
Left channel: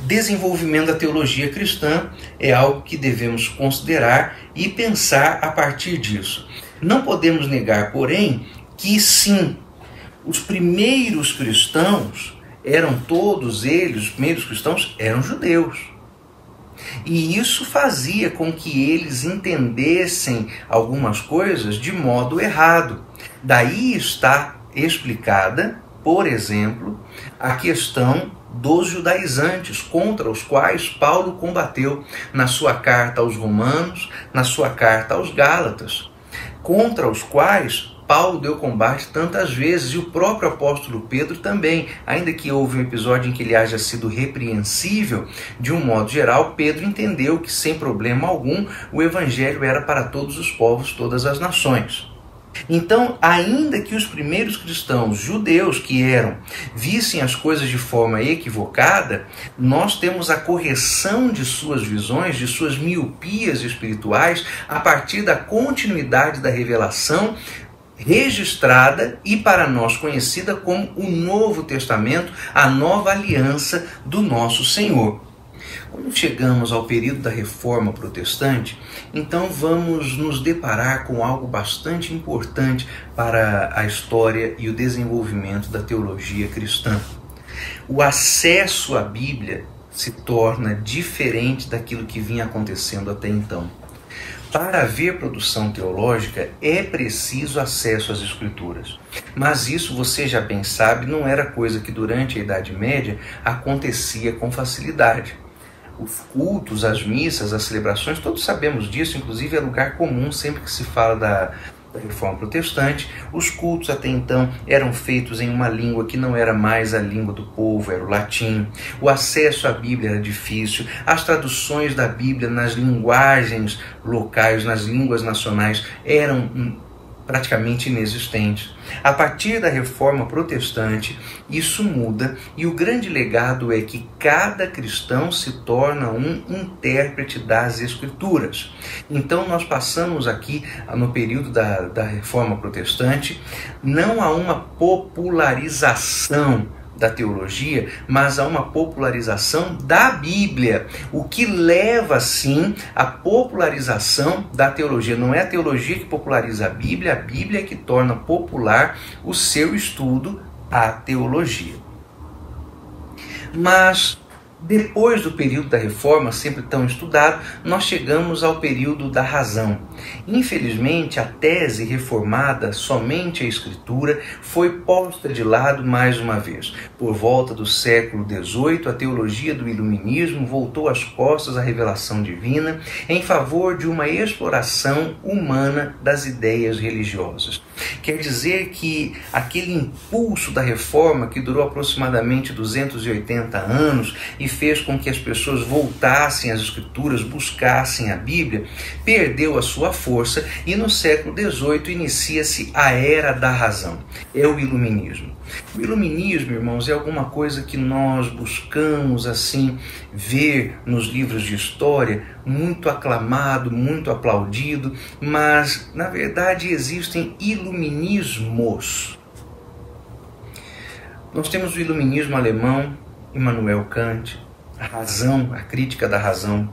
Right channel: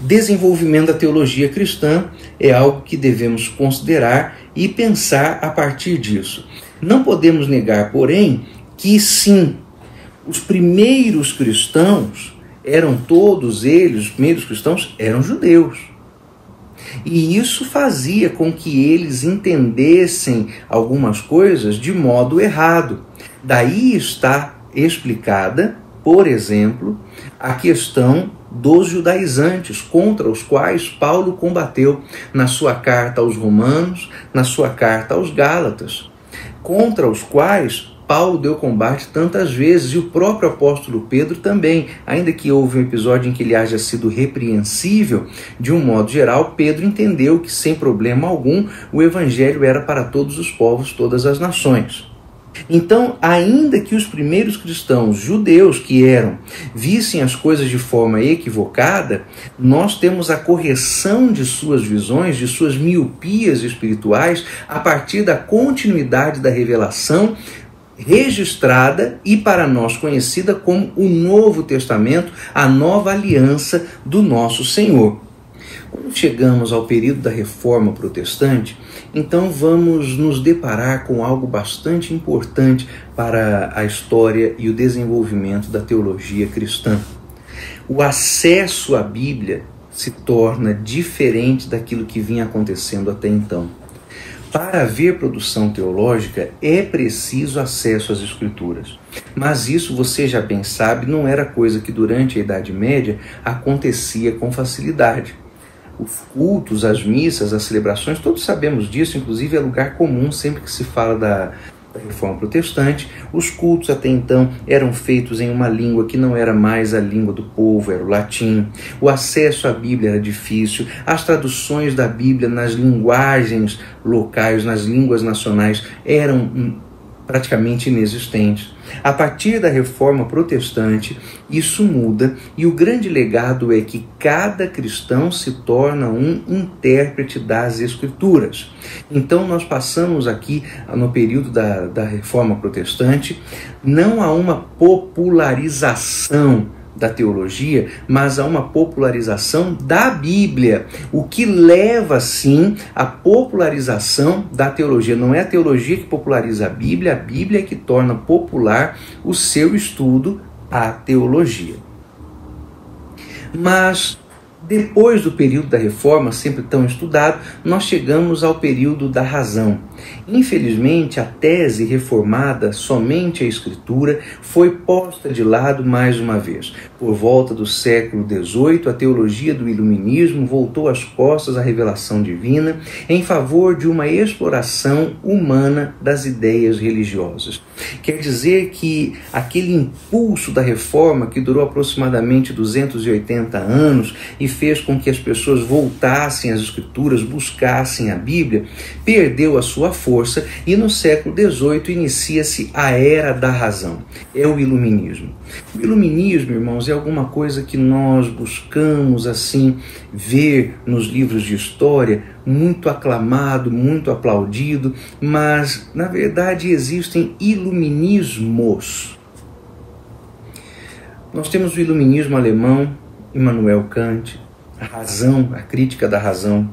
Desenvolvimento da teologia cristã é algo que devemos considerar e pensar a partir disso. Não podemos negar, porém, que sim, os primeiros cristãos os primeiros cristãos eram judeus. E isso fazia com que eles entendessem algumas coisas de modo errado. Daí está explicada, por exemplo, a questão dos judaizantes, contra os quais Paulo combateu na sua carta aos Romanos, na sua carta aos Gálatas, contra os quais Paulo deu combate tantas vezes, e o próprio apóstolo Pedro também. Ainda que houve um episódio em que ele haja sido repreensível, de um modo geral, Pedro entendeu que sem problema algum o evangelho era para todos os povos, todas as nações. Então, ainda que os primeiros cristãos judeus que eram, vissem as coisas de forma equivocada, nós temos a correção de suas visões, de suas miopias espirituais, a partir da continuidade da revelação registrada e para nós conhecida como o Novo Testamento, a nova aliança do nosso Senhor. Quando chegamos ao período da Reforma Protestante, então vamos nos deparar com algo bastante importante para a história e o desenvolvimento da teologia cristã. O acesso à Bíblia se torna diferente daquilo que vinha acontecendo até então. Para haver produção teológica, é preciso acesso às Escrituras. Mas isso, você já bem sabe, não era coisa que durante a Idade Média acontecia com facilidade. Os cultos, as missas, as celebrações, todos sabemos disso, inclusive é lugar comum sempre que se fala da Reforma Protestante. Os cultos até então eram feitos em uma língua que não era mais a língua do povo, era o latim. O acesso à Bíblia era difícil. As traduções da Bíblia nas linguagens locais, nas línguas nacionais, eram praticamente inexistentes. A partir da Reforma Protestante, isso muda, e o grande legado é que cada cristão se torna um intérprete das Escrituras. Então nós passamos aqui, no período da Reforma Protestante, não a uma popularização da teologia, mas a uma popularização da Bíblia, o que leva, sim, à popularização da teologia. Não é a teologia que populariza a Bíblia é que torna popular o seu estudo, a teologia. Mas depois do período da Reforma, sempre tão estudado, nós chegamos ao período da razão. Infelizmente, a tese reformada, somente a Escritura, foi posta de lado mais uma vez. Por volta do século XVIII, a teologia do iluminismo voltou as costas à revelação divina em favor de uma exploração humana das ideias religiosas. Quer dizer que aquele impulso da Reforma, que durou aproximadamente 280 anos e fez com que as pessoas voltassem às Escrituras, buscassem a Bíblia, perdeu a sua força, e no século XVIII inicia-se a Era da Razão. É o Iluminismo. O Iluminismo, irmãos, é alguma coisa que nós buscamos assim ver nos livros de história, muito aclamado, muito aplaudido, mas na verdade existem iluminismos. Nós temos o iluminismo alemão, Immanuel Kant, a razão, a crítica da razão.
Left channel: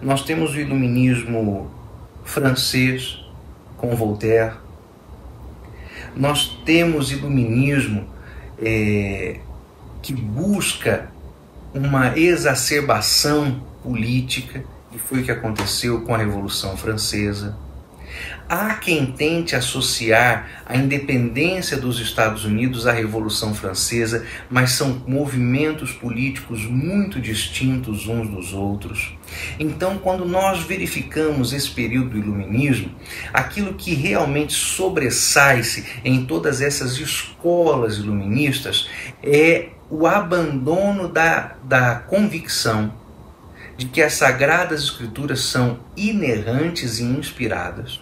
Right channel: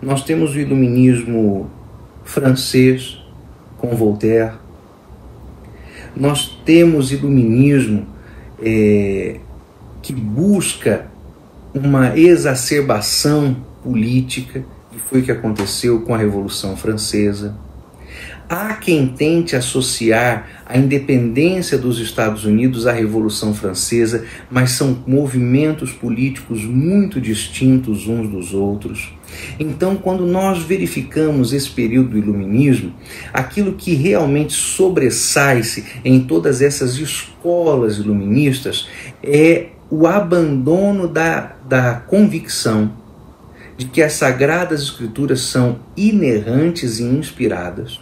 Nós temos o iluminismo francês, com Voltaire. Nós temos iluminismo que busca uma exacerbação política, que foi o que aconteceu com a Revolução Francesa. Há quem tente associar a independência dos Estados Unidos à Revolução Francesa, mas são movimentos políticos muito distintos uns dos outros. Então, quando nós verificamos esse período do iluminismo, aquilo que realmente sobressai-se em todas essas escolas iluministas é o abandono da convicção de que as Sagradas Escrituras são inerrantes e inspiradas,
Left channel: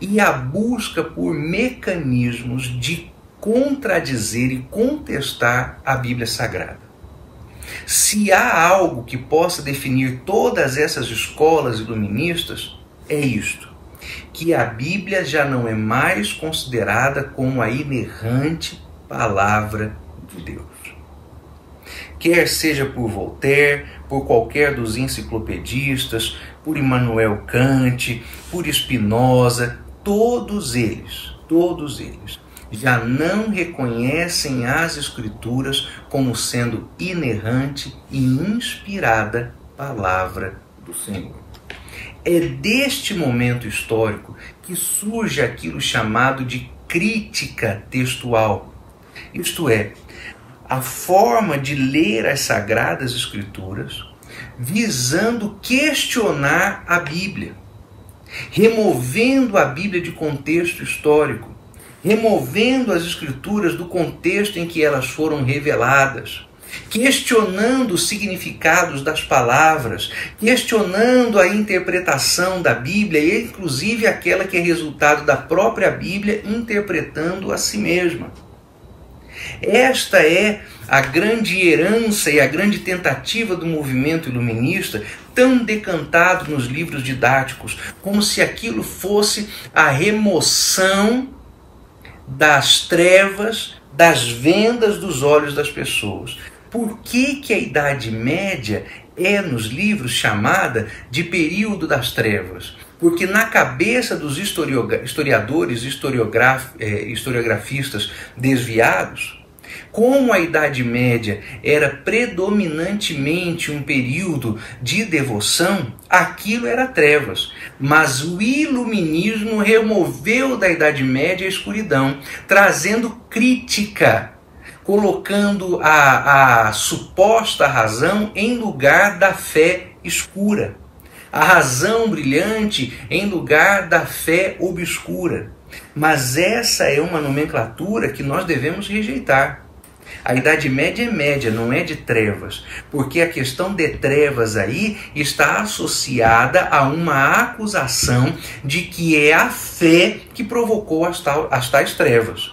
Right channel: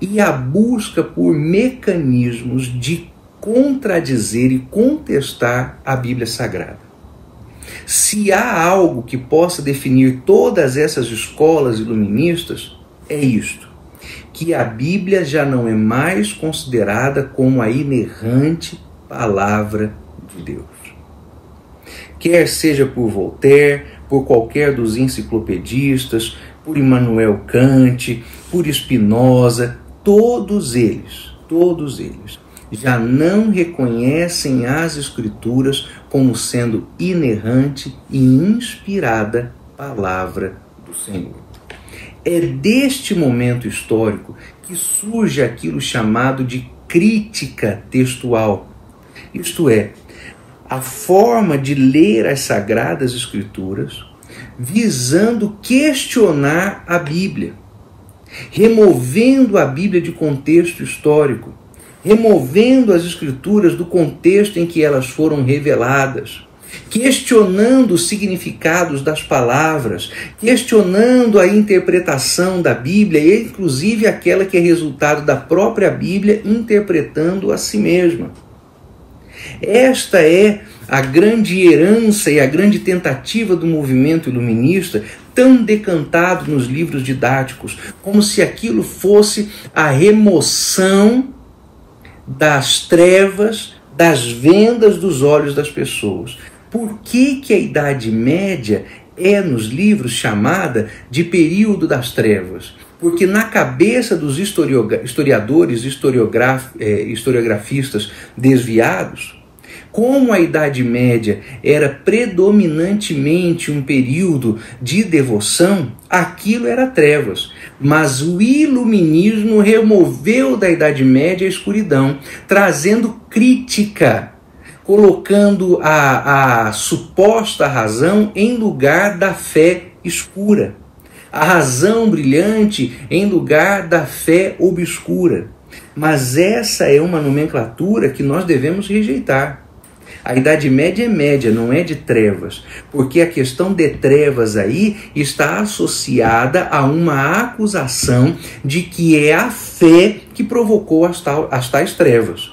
e a busca por mecanismos de contradizer e contestar a Bíblia Sagrada. Se há algo que possa definir todas essas escolas iluministas, é isto: que a Bíblia já não é mais considerada como a inerrante palavra de Deus. Quer seja por Voltaire, por qualquer dos enciclopedistas, por Immanuel Kant, por Spinoza, todos eles já não reconhecem as Escrituras como sendo inerrante e inspirada palavra do Senhor. É deste momento histórico que surge aquilo chamado de crítica textual, isto é, a forma de ler as Sagradas Escrituras visando questionar a Bíblia, removendo a Bíblia de contexto histórico, removendo as Escrituras do contexto em que elas foram reveladas, questionando os significados das palavras, questionando a interpretação da Bíblia, e inclusive aquela que é resultado da própria Bíblia interpretando a si mesma. Esta é a grande herança e a grande tentativa do movimento iluminista, tão decantado nos livros didáticos, como se aquilo fosse a remoção das trevas, das vendas dos olhos das pessoas. Por que a Idade Média é nos livros chamada de período das trevas? Porque na cabeça dos historiadores, historiografistas desviados, como a Idade Média era predominantemente um período de devoção, aquilo era trevas. Mas o iluminismo removeu da Idade Média a escuridão, trazendo crítica, colocando a suposta razão em lugar da fé escura, a razão brilhante em lugar da fé obscura. Mas essa é uma nomenclatura que nós devemos rejeitar. A Idade Média é média, não é de trevas, porque a questão de trevas aí está associada a uma acusação de que é a fé que provocou as tais trevas.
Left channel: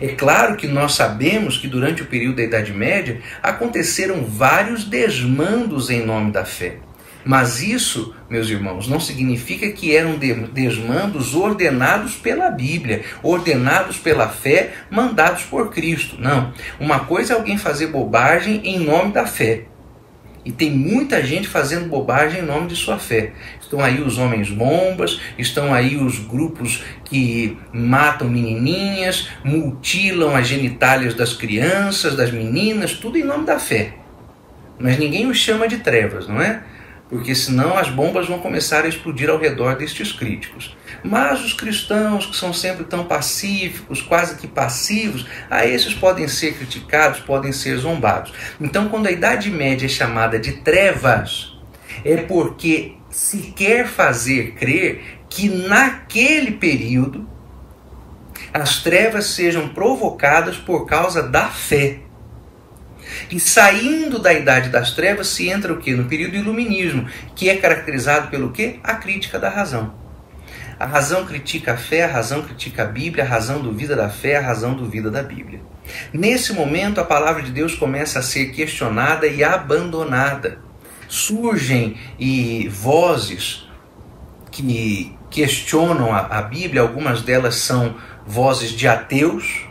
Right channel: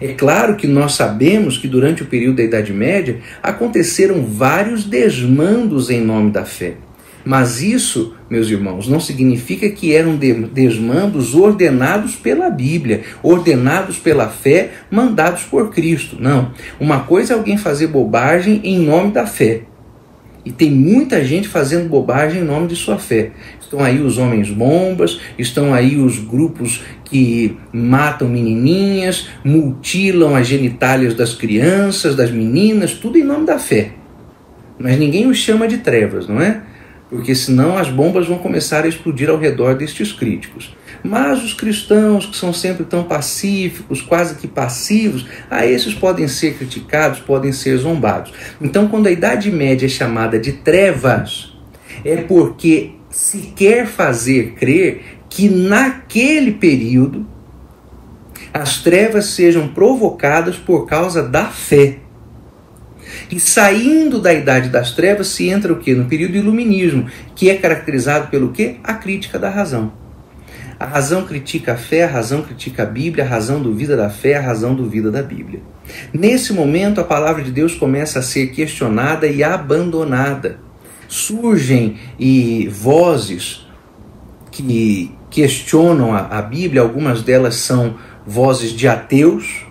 É claro que nós sabemos que durante o período da Idade Média aconteceram vários desmandos em nome da fé. Mas isso, meus irmãos, não significa que eram desmandos ordenados pela Bíblia, ordenados pela fé, mandados por Cristo. Não. Uma coisa é alguém fazer bobagem em nome da fé. E tem muita gente fazendo bobagem em nome de sua fé. Estão aí os homens-bombas, estão aí os grupos que matam menininhas, mutilam as genitálias das crianças, das meninas, tudo em nome da fé. Mas ninguém os chama de trevas, não é? Porque senão as bombas vão começar a explodir ao redor destes críticos. Mas os cristãos, que são sempre tão pacíficos, quase que passivos, a esses podem ser criticados, podem ser zombados. Então, quando a Idade Média é chamada de trevas, é porque se quer fazer crer que naquele período as trevas sejam provocadas por causa da fé. E saindo da Idade das Trevas se entra o quê? No período do Iluminismo, que é caracterizado pelo quê? A crítica da razão. A razão critica a fé, a razão critica a Bíblia, a razão duvida da fé, a razão duvida da Bíblia. Nesse momento, a palavra de Deus começa a ser questionada e abandonada. Surgem vozes que questionam a Bíblia, algumas delas são vozes de ateus,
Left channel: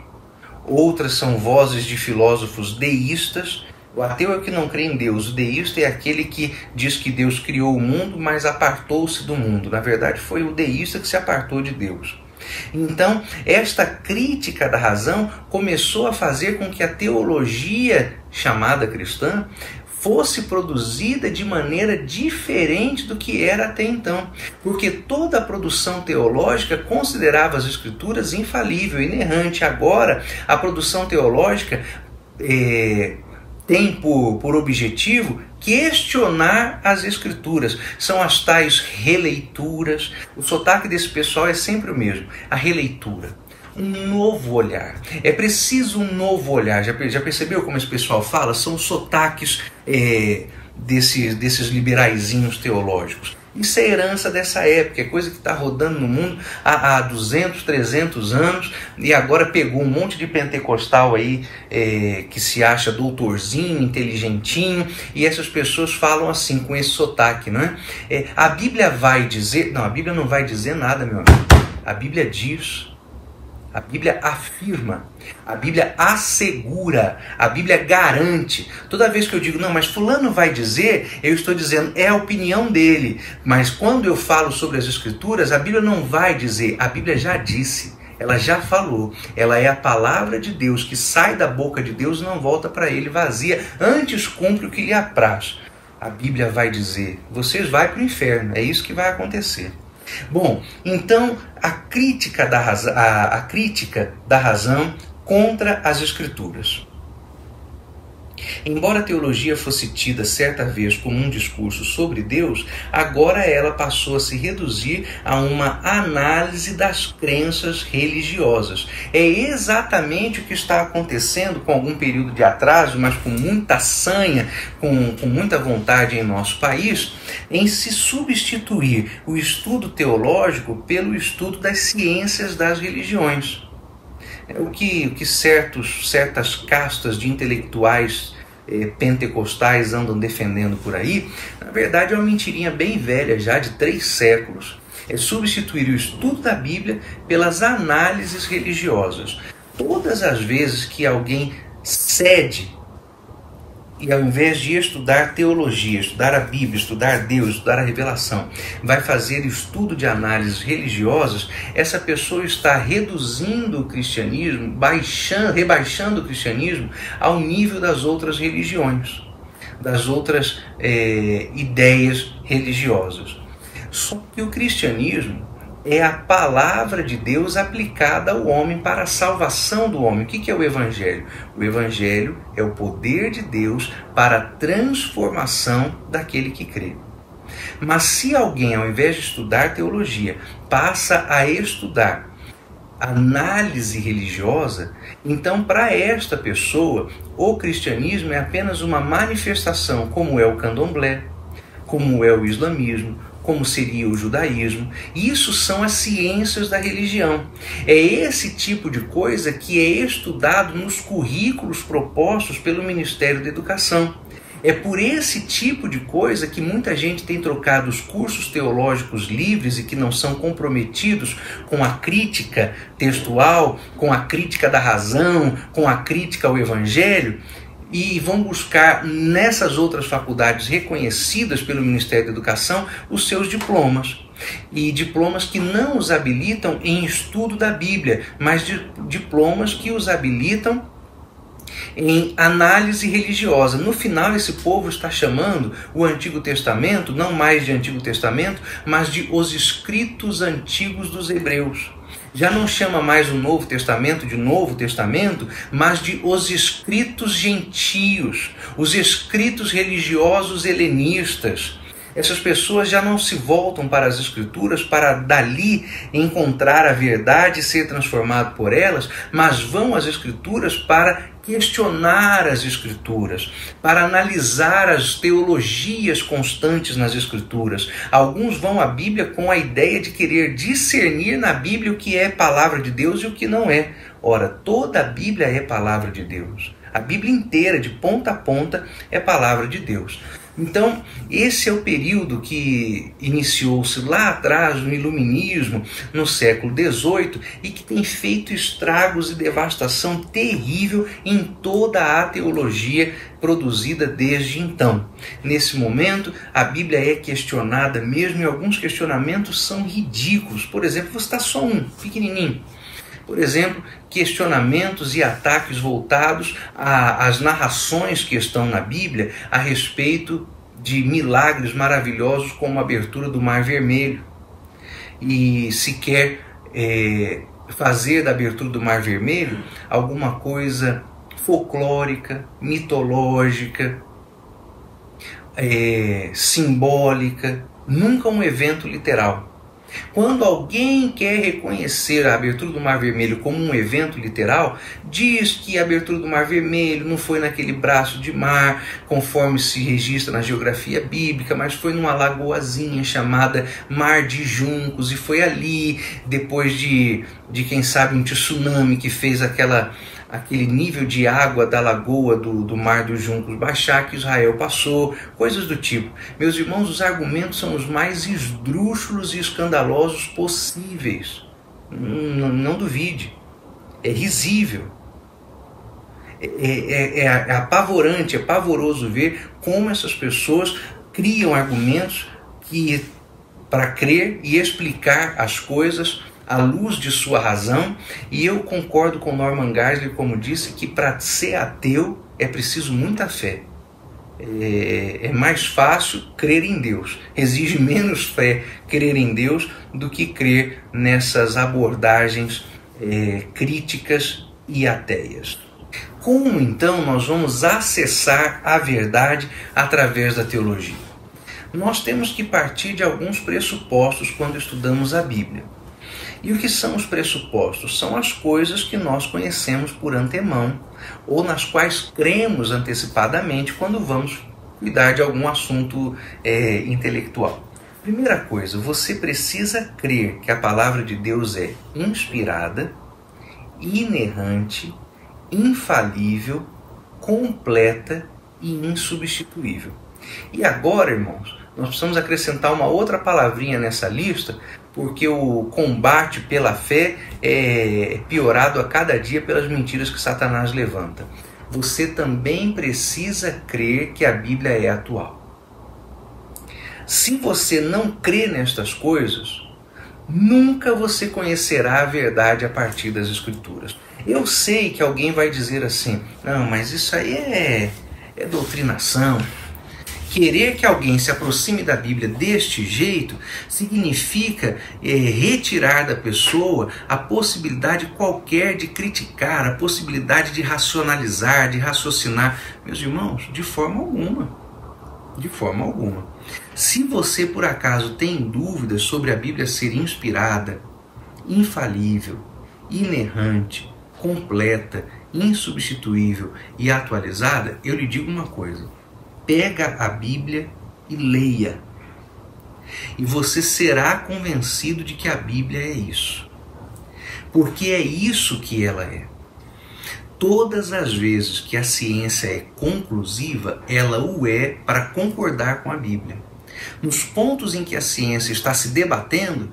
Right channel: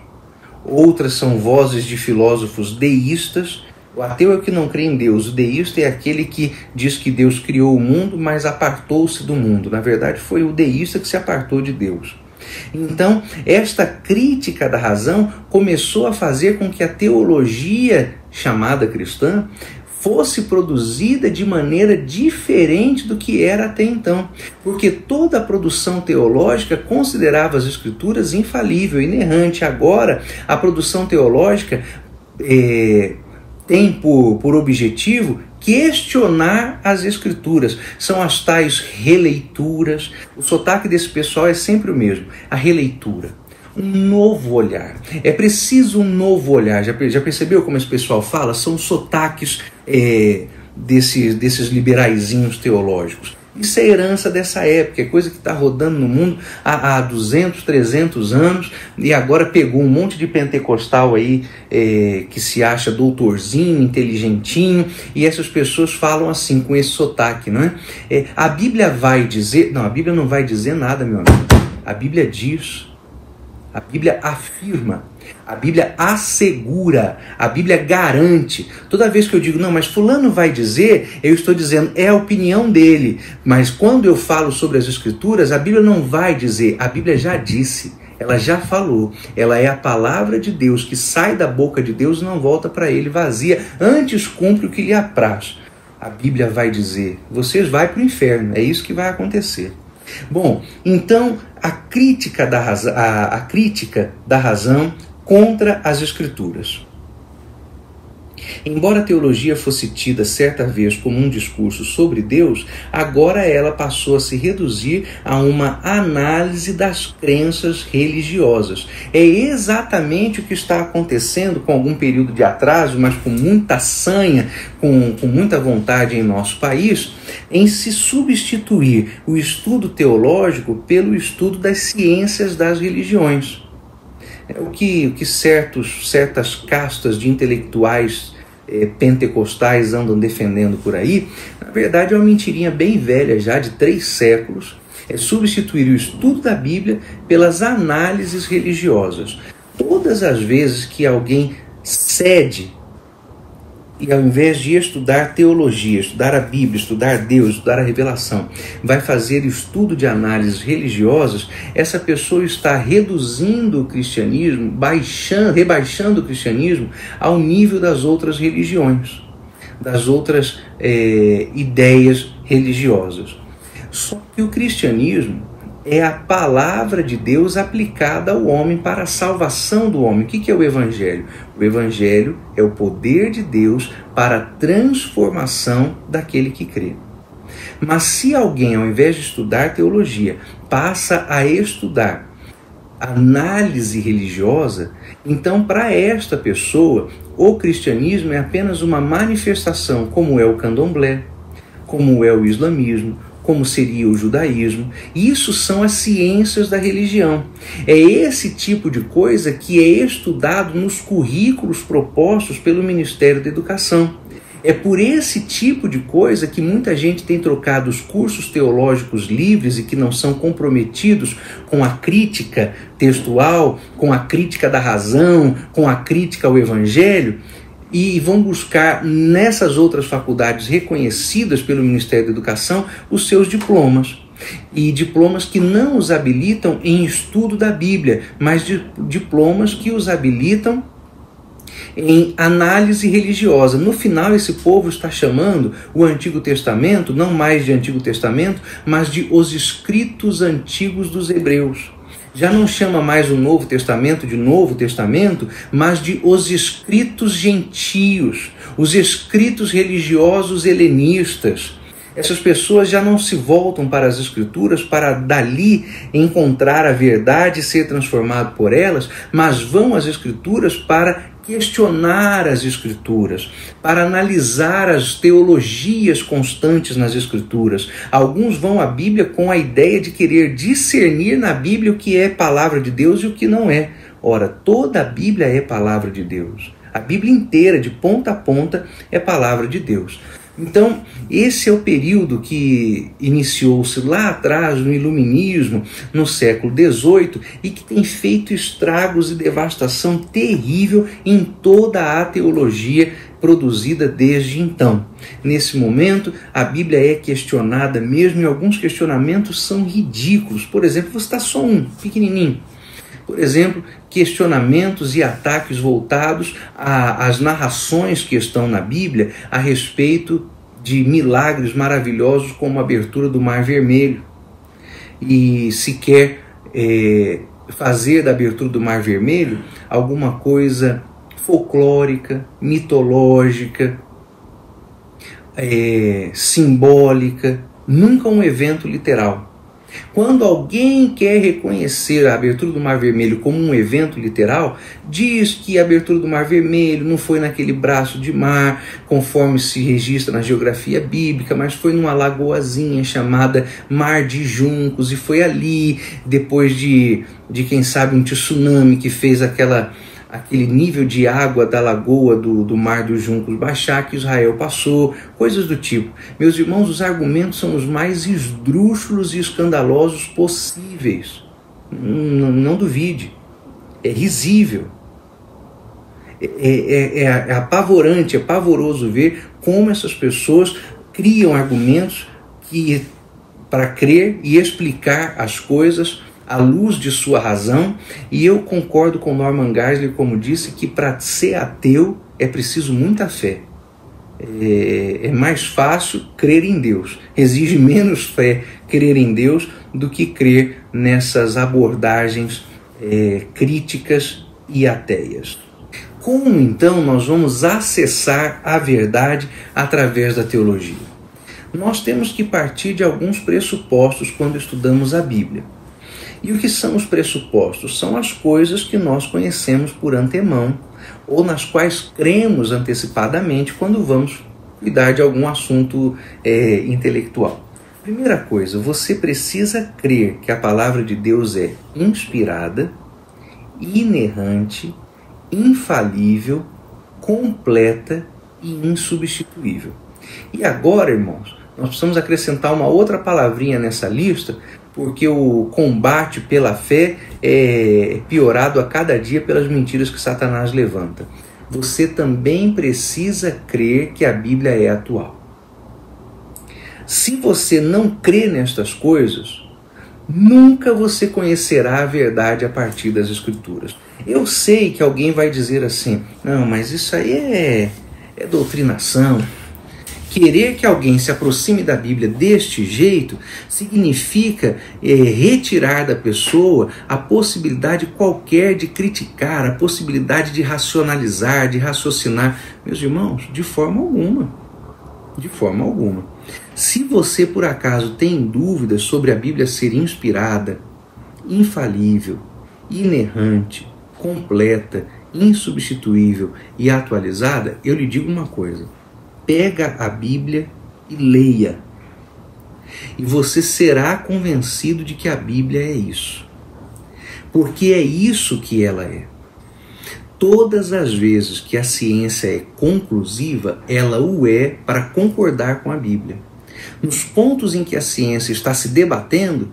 outras são vozes de filósofos deístas, O ateu é o que não crê em Deus. O deísta é aquele que diz que Deus criou o mundo, mas apartou-se do mundo. Na verdade, foi o deísta que se apartou de Deus. Então, esta crítica da razão começou a fazer com que a teologia chamada cristã fosse produzida de maneira diferente do que era até então. Porque toda a produção teológica considerava as Escrituras infalível, inerrante. Agora, a produção teológica tem por objetivo questionar as Escrituras. São as tais releituras. O sotaque desse pessoal é sempre o mesmo, a releitura. Um novo olhar. É preciso um novo olhar. Já percebeu como esse pessoal fala? São sotaques desses liberaizinhos teológicos. Isso é herança dessa época, é coisa que está rodando no mundo há 200, 300 anos, e agora pegou um monte de pentecostal aí que se acha doutorzinho, inteligentinho, e essas pessoas falam assim, com esse sotaque, não é? A Bíblia vai dizer... Não, a Bíblia não vai dizer nada, meu amigo. A Bíblia diz... A Bíblia afirma, a Bíblia assegura, a Bíblia garante. Toda vez que eu digo, não, mas fulano vai dizer, eu estou dizendo, é a opinião dele. Mas quando eu falo sobre as Escrituras, a Bíblia não vai dizer, a Bíblia já disse, ela já falou. Ela é a palavra de Deus, que sai da boca de Deus e não volta para ele vazia, antes cumpre o que lhe apraz. A Bíblia vai dizer, vocês vão para o inferno, é isso que vai acontecer. Bom, então a crítica da razão contra as Escrituras. Embora a teologia fosse tida certa vez como um discurso sobre Deus, agora ela passou a se reduzir a uma análise das crenças religiosas. É exatamente o que está acontecendo com algum período de atraso, mas com muita sanha, com muita vontade em nosso país, em se substituir o estudo teológico pelo estudo das ciências das religiões. O que certas castas de intelectuais pentecostais andam defendendo por aí, na verdade é uma mentirinha bem velha já, de 3 séculos, é substituir o estudo da Bíblia pelas análises religiosas. Todas as vezes que alguém cede e ao invés de estudar teologia, estudar a Bíblia, estudar Deus, estudar a revelação, vai fazer estudo de análises religiosas, essa pessoa está reduzindo o cristianismo, rebaixando o cristianismo ao nível das outras religiões, das outras ideias religiosas. Só que o cristianismo é a palavra de Deus aplicada ao homem para a salvação do homem. O que é o Evangelho? O Evangelho é o poder de Deus para a transformação daquele que crê. Mas se alguém, ao invés de estudar teologia, passa a estudar análise religiosa, então para esta pessoa, o cristianismo é apenas uma manifestação, como é o candomblé, como é o islamismo, como seria o judaísmo. Isso são as ciências da religião. É esse tipo de coisa que é estudado nos currículos propostos pelo Ministério da Educação. É por esse tipo de coisa que muita gente tem trocado os cursos teológicos livres e que não são comprometidos com a crítica textual, com a crítica da razão, com a crítica ao Evangelho, e vão buscar nessas outras faculdades reconhecidas pelo Ministério da Educação os seus diplomas. E diplomas que não os habilitam em estudo da Bíblia, mas diplomas que os habilitam em análise religiosa. No final, esse povo está chamando o Antigo Testamento, não mais de Antigo Testamento, mas de os escritos antigos dos hebreus. Já não chama mais o Novo Testamento de Novo Testamento, mas de os escritos gentios, os escritos religiosos helenistas. Essas pessoas já não se voltam para as Escrituras para dali encontrar a verdade e ser transformado por elas, mas vão às Escrituras para questionar as Escrituras, para analisar as teologias constantes nas Escrituras. Alguns vão à Bíblia com a ideia de querer discernir na Bíblia o que é palavra de Deus e o que não é. Ora, toda a Bíblia é palavra de Deus. A Bíblia inteira, de ponta a ponta, é palavra de Deus. Então, esse é o período que iniciou-se lá atrás, no Iluminismo, no século XVIII, e que tem feito estragos e devastação terrível em toda a teologia produzida desde então. Nesse momento, a Bíblia é questionada mesmo, e alguns questionamentos são ridículos. Por exemplo, vou citar só um, pequenininho. Por exemplo, questionamentos e ataques voltados às narrações que estão na Bíblia a respeito de milagres maravilhosos como a abertura do Mar Vermelho. E se quer fazer da abertura do Mar Vermelho alguma coisa folclórica, mitológica, simbólica, nunca um evento literal. Quando alguém quer reconhecer a abertura do Mar Vermelho como um evento literal, diz que a abertura do Mar Vermelho não foi naquele braço de mar, conforme se registra na geografia bíblica, mas foi numa lagoazinha chamada Mar de Juncos, e foi ali, depois de quem sabe, um tsunami que fez aquele nível de água da lagoa do Mar dos Juncos baixar, que Israel passou, coisas do tipo. Meus irmãos, os argumentos são os mais esdrúxulos e escandalosos possíveis. Não duvide. É risível. É apavorante, é pavoroso ver como essas pessoas criam argumentos para crer e explicar as coisas à luz de sua razão, e eu concordo com Norman Geisler, como disse, que para ser ateu é preciso muita fé. É mais fácil crer em Deus, exige menos fé crer em Deus do que crer nessas abordagens críticas e ateias. Como então nós vamos acessar a verdade através da teologia? Nós temos que partir de alguns pressupostos quando estudamos a Bíblia. E o que são os pressupostos? São as coisas que nós conhecemos por antemão ou nas quais cremos antecipadamente quando vamos cuidar de algum assunto intelectual. Primeira coisa, você precisa crer que a palavra de Deus é inspirada, inerrante, infalível, completa e insubstituível. E agora, irmãos, nós precisamos acrescentar uma outra palavrinha nessa lista, porque o combate pela fé é piorado a cada dia pelas mentiras que Satanás levanta. Você também precisa crer que a Bíblia é atual. Se você não crê nestas coisas, nunca você conhecerá a verdade a partir das Escrituras. Eu sei que alguém vai dizer assim, não, mas isso aí é doutrinação. Querer que alguém se aproxime da Bíblia deste jeito significa retirar da pessoa a possibilidade qualquer de criticar, a possibilidade de racionalizar, de raciocinar. Meus irmãos, de forma alguma. De forma alguma. Se você, por acaso, tem dúvidas sobre a Bíblia ser inspirada, infalível, inerrante, completa, insubstituível e atualizada, eu lhe digo uma coisa. Pega a Bíblia e leia. E você será convencido de que a Bíblia é isso. Porque é isso que ela é. Todas as vezes que a ciência é conclusiva, ela o é para concordar com a Bíblia. Nos pontos em que a ciência está se debatendo,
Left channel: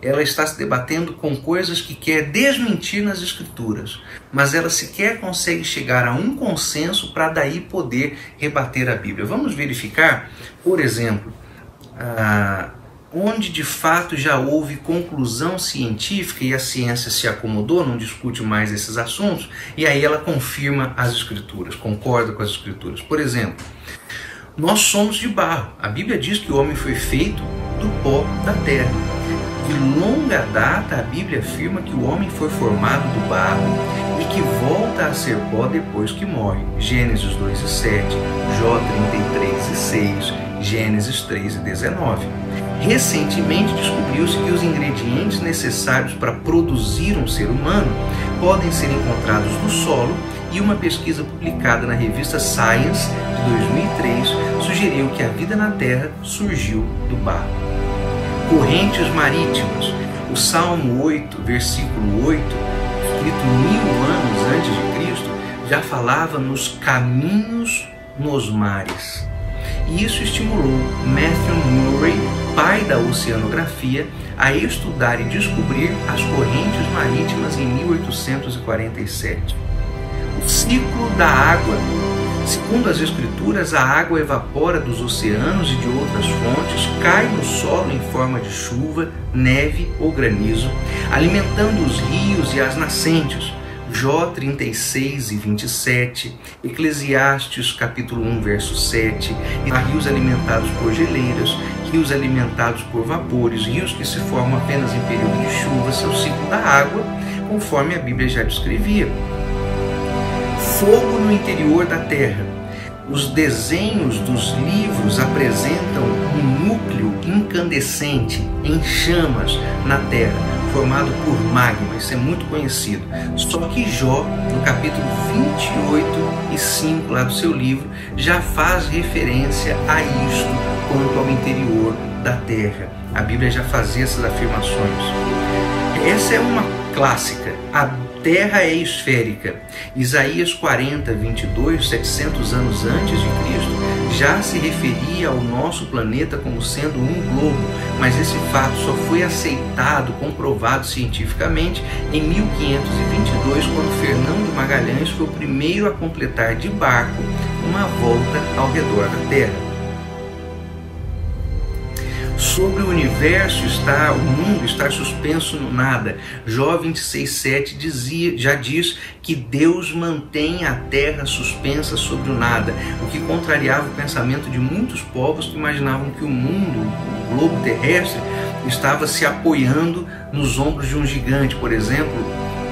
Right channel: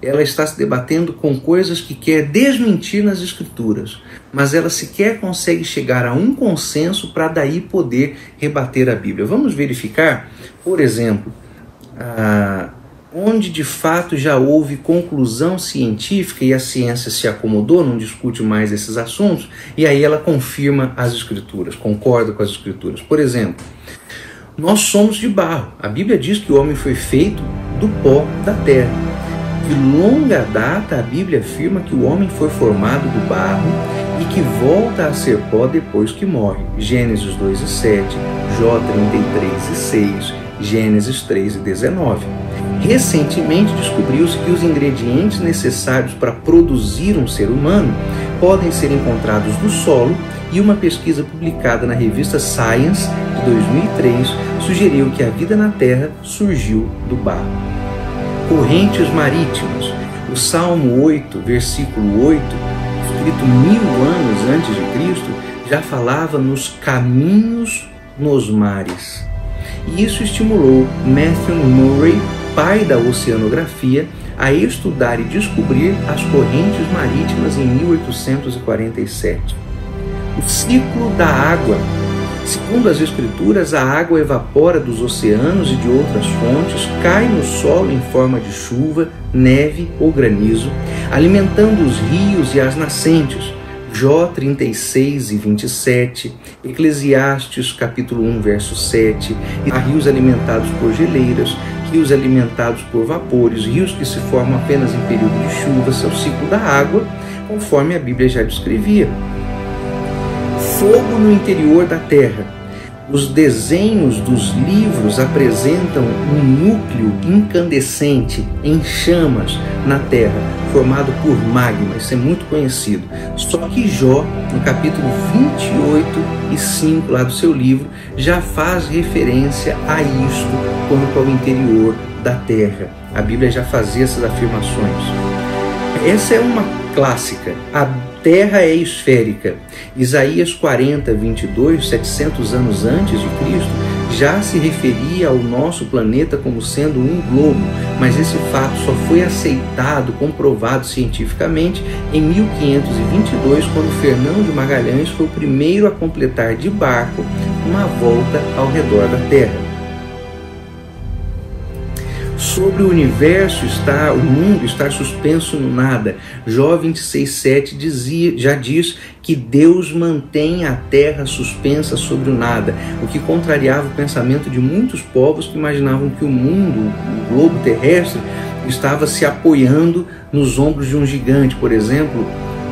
ela está se debatendo com coisas que quer desmentir nas Escrituras, mas ela sequer consegue chegar a um consenso para daí poder rebater a Bíblia. Vamos verificar, por exemplo, onde de fato já houve conclusão científica e a ciência se acomodou, não discute mais esses assuntos, e aí ela confirma as Escrituras, concorda com as Escrituras. Por exemplo, nós somos de barro. A Bíblia diz que o homem foi feito do pó da terra. De longa data, a Bíblia afirma que o homem foi formado do barro e que volta a ser pó depois que morre. Gênesis 2:7, Jó 33:6, Gênesis 3:19. Recentemente descobriu-se que os ingredientes necessários para produzir um ser humano podem ser encontrados no solo, e uma pesquisa publicada na revista Science de 2003 sugeriu que a vida na Terra surgiu do barro. Correntes marítimas. O Salmo 8, versículo 8, escrito 1000 anos antes de Cristo, já falava nos caminhos nos mares. e isso estimulou Matthew Murray, pai da oceanografia, a estudar e descobrir as correntes marítimas em 1847. O ciclo da água. Segundo as Escrituras, a água evapora dos oceanos e de outras fontes, cai no solo em forma de chuva, neve ou granizo, alimentando os rios e as nascentes. Jó 36 e 27, Eclesiastes capítulo 1, verso 7, há rios alimentados por geleiras, rios alimentados por vapores, rios que se formam apenas em período de chuva, seu ciclo da água, conforme a Bíblia já descrevia. Fogo no interior da terra. Os desenhos dos livros apresentam um núcleo incandescente em chamas na terra, formado por magma. Isso é muito conhecido. Só que Jó, no capítulo 28 e 5 lá do seu livro, já faz referência a isto quanto ao interior da terra. A Bíblia já fazia essas afirmações. Essa é uma clássica. A terra é esférica. Isaías 40, 22, 700 anos antes de Cristo, já se referia ao nosso planeta como sendo um globo, mas esse fato só foi aceitado, comprovado cientificamente em 1522, quando Fernão de Magalhães foi o primeiro a completar de barco uma volta ao redor da Terra. Sobre o universo o mundo está suspenso no nada. Jó 26,7 já diz que Deus mantém a terra suspensa sobre o nada, o que contrariava o pensamento de muitos povos que imaginavam que o mundo, o globo terrestre, estava se apoiando nos ombros de um gigante. Por exemplo,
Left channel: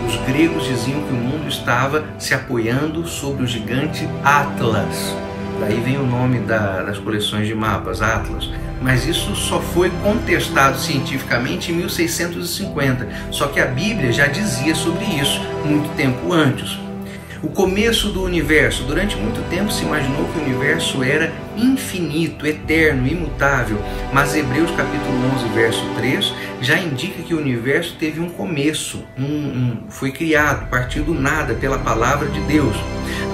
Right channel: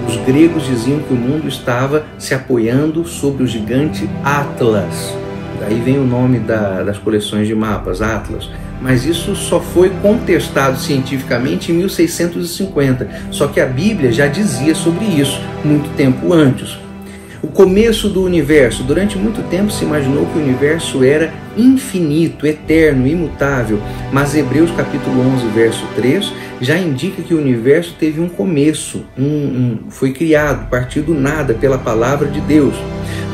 os gregos diziam que o mundo estava se apoiando sobre o gigante Atlas. Daí vem o nome das coleções de mapas, Atlas. Mas isso só foi contestado cientificamente em 1650. Só que a Bíblia já dizia sobre isso muito tempo antes. O começo do universo. Durante muito tempo se imaginou que o universo era infinito, eterno, imutável. Mas Hebreus capítulo 11, verso 3, já indica que o universo teve um começo, foi criado, partiu do nada pela palavra de Deus.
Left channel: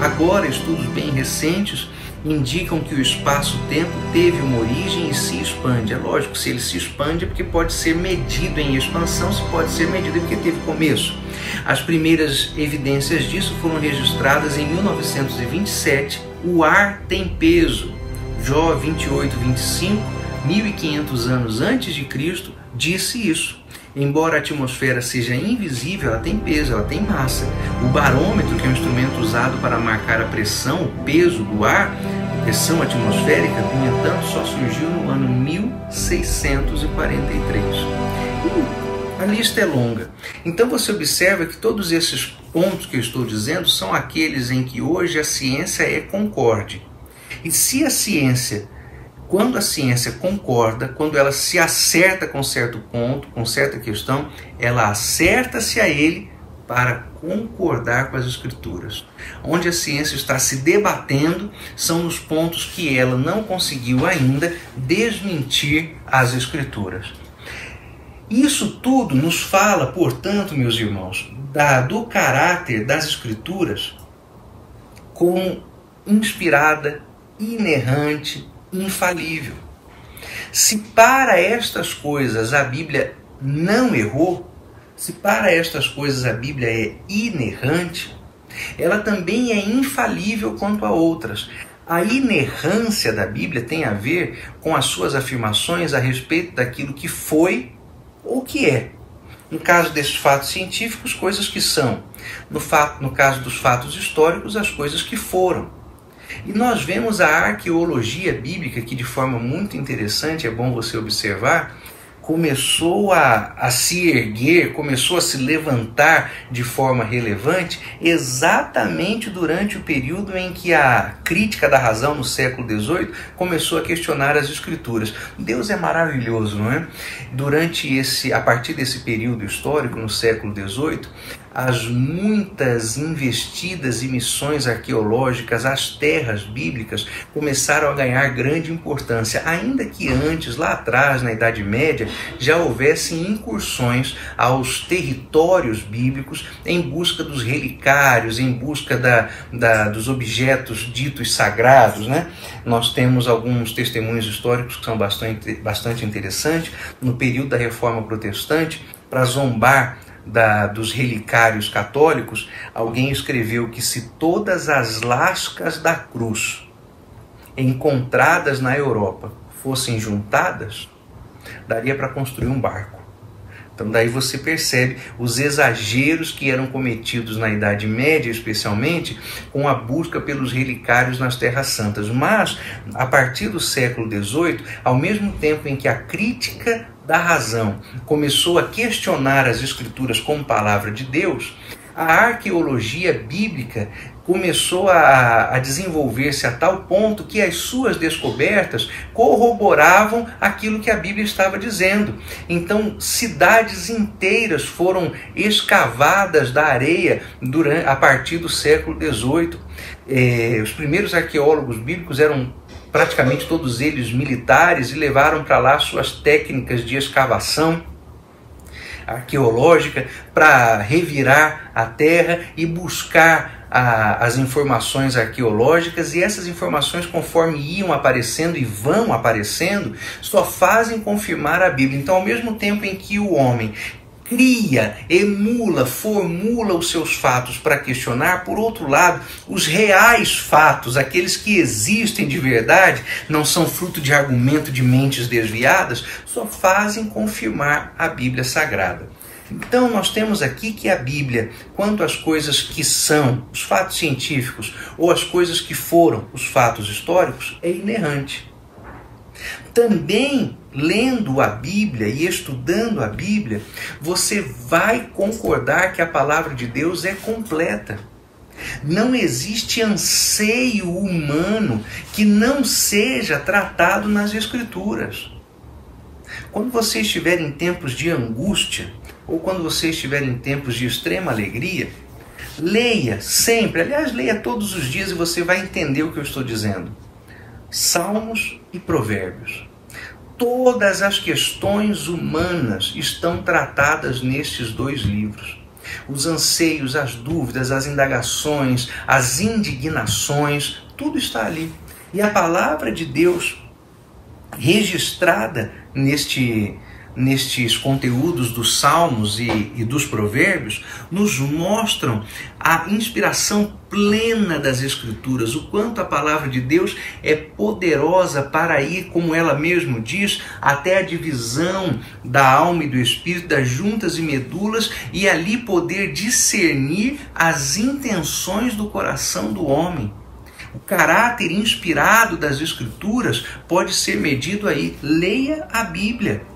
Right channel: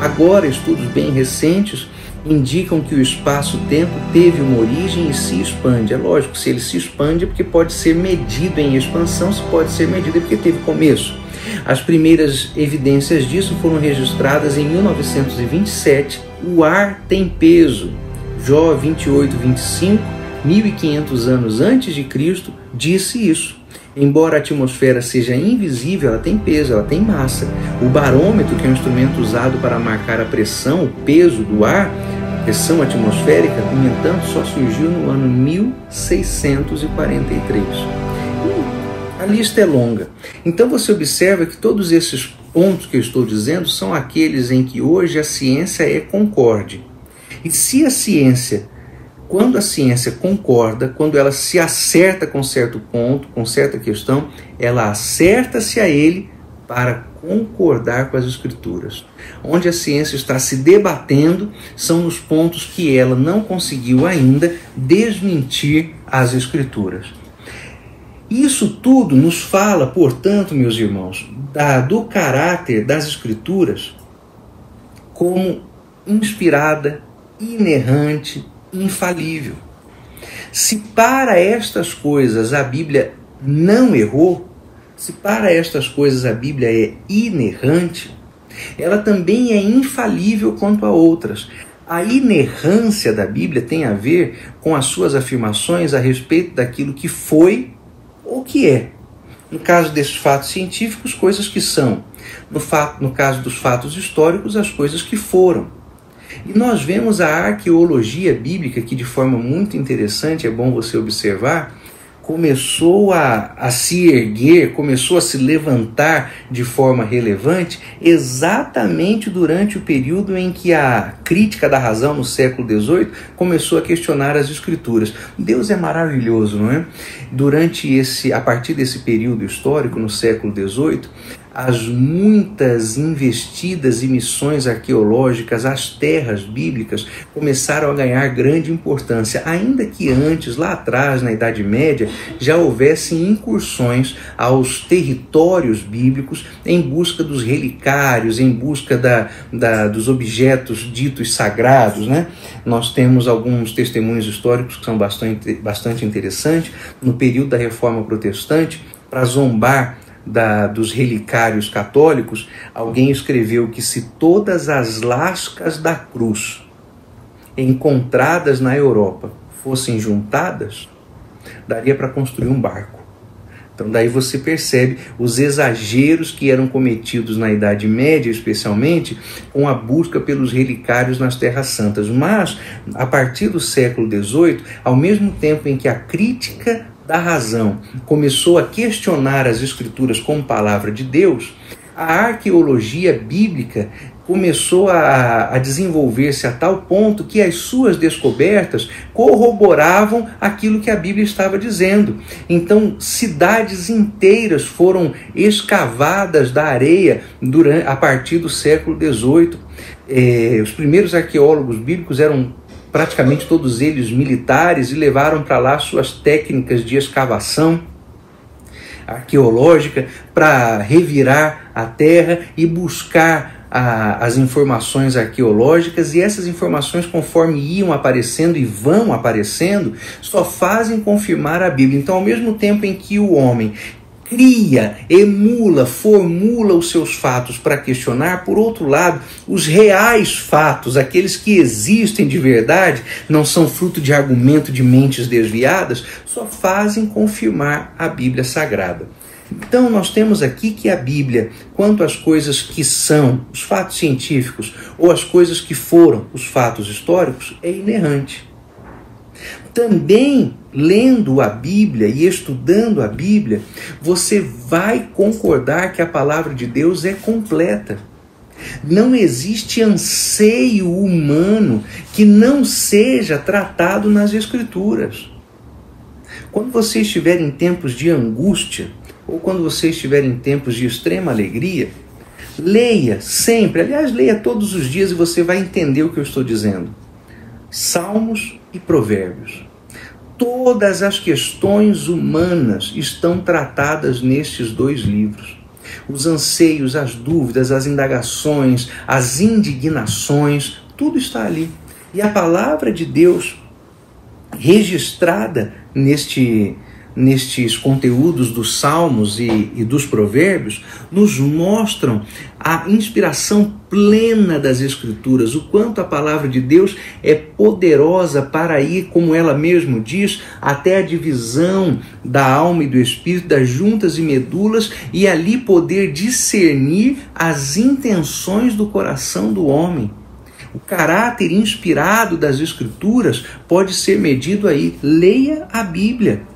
Agora, estudos bem recentes indicam que o espaço-tempo teve uma origem e se expande. É lógico, se ele se expande é porque pode ser medido em expansão, se pode ser medido é porque teve começo. As primeiras evidências disso foram registradas em 1927. O ar tem peso. Jó 28, 25, 1500 anos antes de Cristo, disse isso. Embora a atmosfera seja invisível, ela tem peso, ela tem massa. O barômetro, que é um instrumento usado para marcar a pressão, o peso do ar, a pressão atmosférica, no entanto, só surgiu no ano 1643. A lista é longa. Então você observa que todos esses pontos que eu estou dizendo são aqueles em que hoje a ciência é concorde. E se a ciência, quando a ciência concorda, quando ela se acerta com certo ponto, com certa questão, ela acerta-se a ele para concordar com as Escrituras. Onde a ciência está se debatendo são nos pontos que ela não conseguiu ainda desmentir as Escrituras. Isso tudo nos fala, portanto, meus irmãos, do caráter das Escrituras como inspirada, inerrante, infalível. Se para estas coisas a Bíblia não errou, se para estas coisas a Bíblia é inerrante, ela também é infalível quanto a outras. A inerrância da Bíblia tem a ver com as suas afirmações a respeito daquilo que foi ou que é. No caso desses fatos científicos, coisas que são. No caso dos fatos históricos, as coisas que foram. E nós vemos a arqueologia bíblica, que de forma muito interessante, é bom você observar, começou a se erguer, começou a se levantar de forma relevante exatamente durante o período em que a crítica da razão no século XVIII começou a questionar as Escrituras. Deus é maravilhoso, não é? A partir desse período histórico, no século XVIII, as muitas investidas e missões arqueológicas às terras bíblicas começaram a ganhar grande importância, ainda que antes, lá atrás, na Idade Média, já houvessem incursões aos territórios bíblicos em busca dos relicários, em busca dos objetos ditos sagrados, né? Nós temos alguns testemunhos históricos que são bastante interessantes. No período da Reforma Protestante, para zombar dos relicários católicos, alguém escreveu que se todas as lascas da cruz encontradas na Europa fossem juntadas, daria para construir um barco. Então daí você percebe os exageros que eram cometidos na Idade Média, especialmente com a busca pelos relicários nas Terras Santas. Mas, a partir do século XVIII, ao mesmo tempo em que a crítica da razão começou a questionar as Escrituras como palavra de Deus, a arqueologia bíblica começou a desenvolver-se a tal ponto que as suas descobertas corroboravam aquilo que a Bíblia estava dizendo. Então, cidades inteiras foram escavadas da areia a partir do século XVIII. Os primeiros arqueólogos bíblicos eram praticamente todos eles militares e levaram para lá suas técnicas de escavação arqueológica para revirar a terra e buscar as informações arqueológicas, e essas informações, conforme iam aparecendo e vão aparecendo, só fazem confirmar a Bíblia. Então, ao mesmo tempo em que o homem cria, emula, formula os seus fatos para questionar, por outro lado, os reais fatos, aqueles que existem de verdade, não são fruto de argumento de mentes desviadas, só fazem confirmar a Bíblia Sagrada. Então, nós temos aqui que a Bíblia, quanto às coisas que são os fatos científicos ou as coisas que foram os fatos históricos, é inerrante. Também, lendo a Bíblia e estudando a Bíblia, você vai concordar que a palavra de Deus é completa. Não existe anseio humano que não seja tratado nas Escrituras. Quando você estiver em tempos de angústia, ou quando você estiver em tempos de extrema alegria, leia sempre, aliás, leia todos os dias e você vai entender o que eu estou dizendo. Salmos e Provérbios. Todas as questões humanas estão tratadas nestes dois livros. Os anseios, as dúvidas, as indagações, as indignações, tudo está ali. E a palavra de Deus registrada nestes conteúdos dos Salmos e dos Provérbios nos mostram a inspiração plena das Escrituras, o quanto a palavra de Deus é poderosa para ir, como ela mesma diz, até a divisão da alma e do espírito, das juntas e medulas, e ali poder discernir as intenções do coração do homem. O caráter inspirado das Escrituras pode ser medido aí. Leia a Bíblia.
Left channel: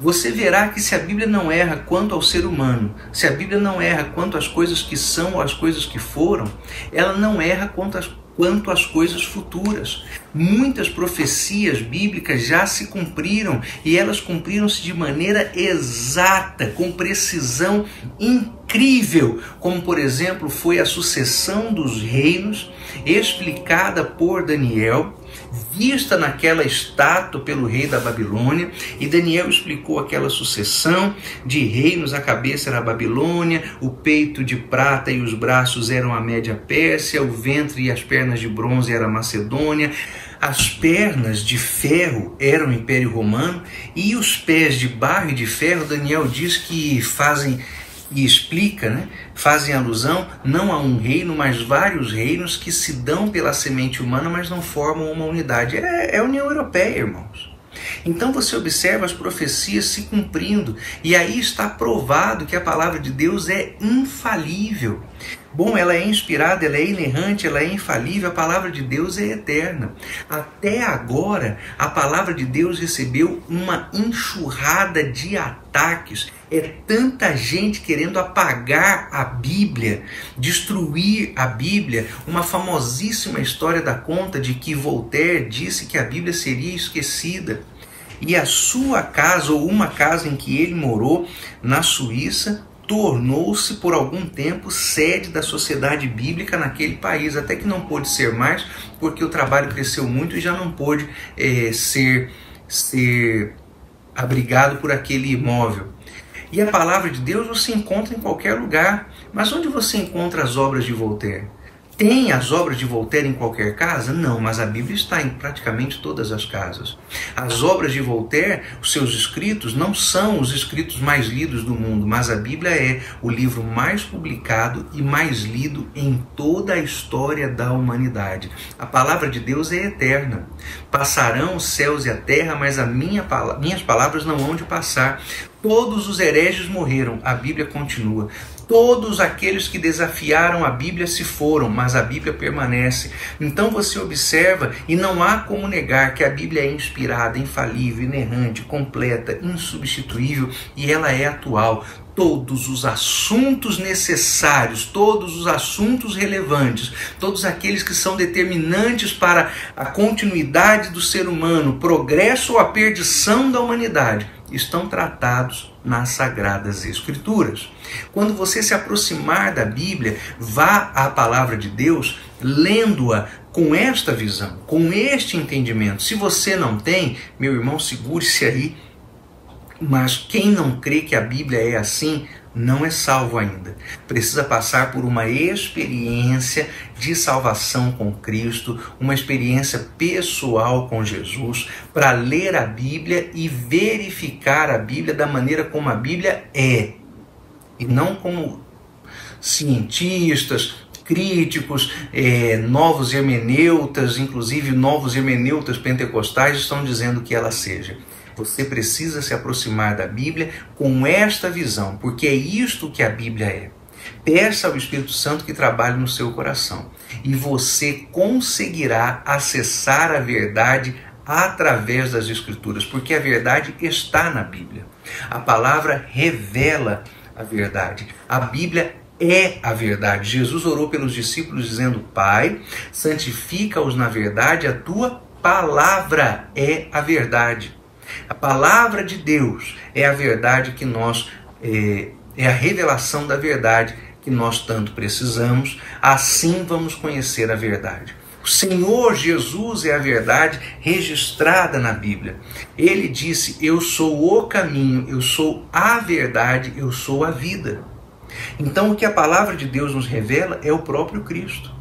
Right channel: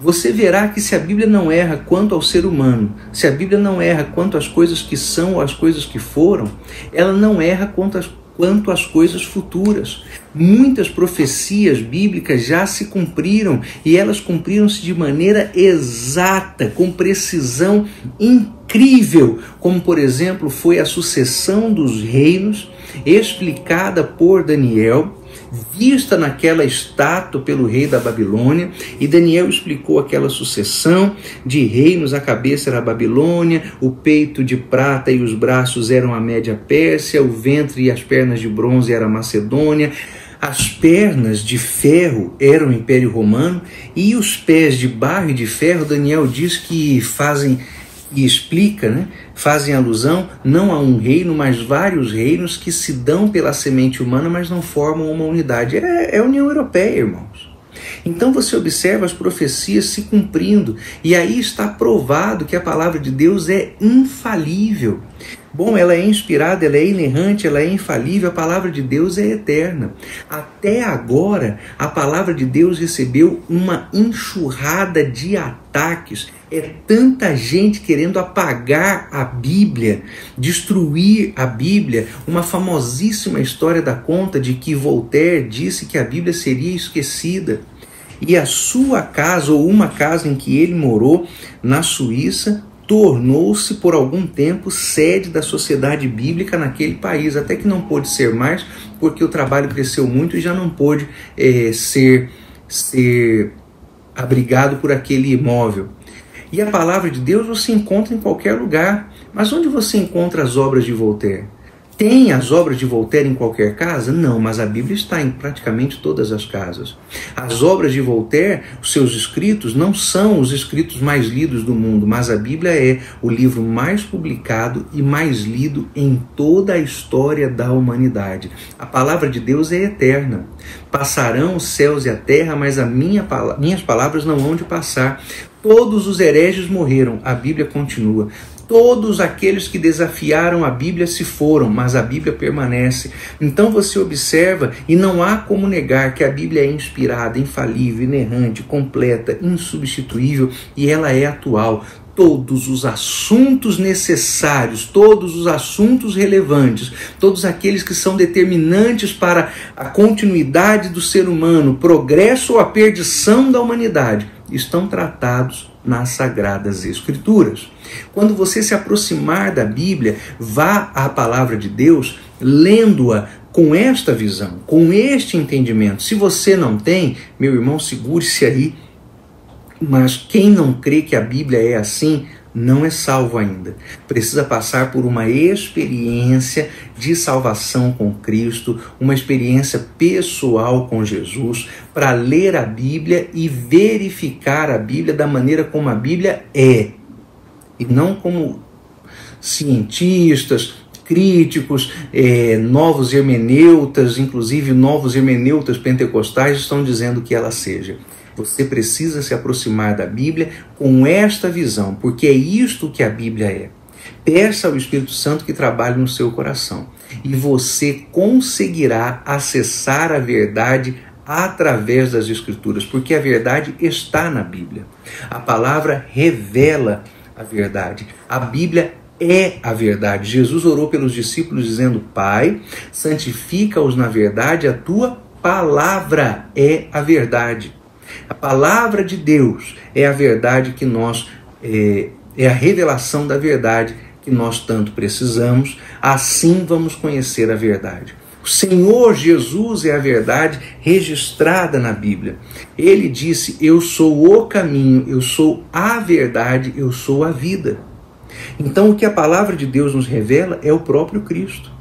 Você verá que se a Bíblia não erra quanto ao ser humano, se a Bíblia não erra quanto às coisas que são ou às coisas que foram, ela não erra quanto às coisas futuras. Muitas profecias bíblicas já se cumpriram e elas cumpriram-se de maneira exata, com precisão incrível, como por exemplo foi a sucessão dos reinos explicada por Daniel, vista naquela estátua pelo rei da Babilônia, e Daniel explicou aquela sucessão de reinos. A cabeça era a Babilônia, o peito de prata e os braços eram a Média Pérsia, o ventre e as pernas de bronze era a Macedônia, as pernas de ferro eram o Império Romano, e os pés de barro e de ferro, Daniel diz que fazem alusão não a um reino, mas vários reinos que se dão pela semente humana, mas não formam uma unidade. É a União Europeia, irmãos. Então você observa as profecias se cumprindo, e aí está provado que a palavra de Deus é infalível. Bom, ela é inspirada, ela é inerrante, ela é infalível, a palavra de Deus é eterna. Até agora, a palavra de Deus recebeu uma enxurrada de ataques. É tanta gente querendo apagar a Bíblia, destruir a Bíblia. Uma famosíssima história dá conta de que Voltaire disse que a Bíblia seria esquecida. E a sua casa, ou uma casa em que ele morou, na Suíça, tornou-se por algum tempo sede da Sociedade Bíblica naquele país, até que não pôde ser mais, porque o trabalho cresceu muito e já não pôde ser abrigado por aquele imóvel. E a palavra de Deus você encontra em qualquer lugar. Mas onde você encontra as obras de Voltaire? Tem as obras de Voltaire em qualquer casa? Não, mas a Bíblia está em praticamente todas as casas. As obras de Voltaire, os seus escritos, não são os escritos mais lidos do mundo, mas a Bíblia é o livro mais publicado e mais lido em toda a história da humanidade. A palavra de Deus é eterna. Passarão os céus e a terra, mas minhas palavras não hão de passar. Todos os hereges morreram, a Bíblia continua. Todos aqueles que desafiaram a Bíblia se foram, mas a Bíblia permanece. Então você observa, e não há como negar que a Bíblia é inspirada, infalível, inerrante, completa, insubstituível, e ela é atual. Todos os assuntos necessários, todos os assuntos relevantes, todos aqueles que são determinantes para a continuidade do ser humano, o progresso ou a perdição da humanidade, estão tratados nas Sagradas Escrituras. Quando você se aproximar da Bíblia, vá à palavra de Deus, lendo-a com esta visão, com este entendimento. Se você não tem, meu irmão, segure-se aí. Mas quem não crê que a Bíblia é assim, não é salvo ainda. Precisa passar por uma experiência de salvação com Cristo, uma experiência pessoal com Jesus, para ler a Bíblia e verificar a Bíblia da maneira como a Bíblia é. E não como cientistas, críticos, novos hermeneutas, inclusive novos hermeneutas pentecostais estão dizendo que ela seja. Você precisa se aproximar da Bíblia com esta visão, porque é isto que a Bíblia é. Peça ao Espírito Santo que trabalhe no seu coração e você conseguirá acessar a verdade através das Escrituras, porque a verdade está na Bíblia. A palavra revela a verdade. A Bíblia é a verdade. Jesus orou pelos discípulos dizendo: Pai, santifica-os na verdade, a tua palavra é a verdade. A palavra de Deus é a verdade que nós, é a revelação da verdade que nós tanto precisamos. Assim vamos conhecer a verdade. O Senhor Jesus é a verdade registrada na Bíblia. Ele disse: eu sou o caminho, eu sou a verdade, eu sou a vida. Então o que a palavra de Deus nos revela é o próprio Cristo.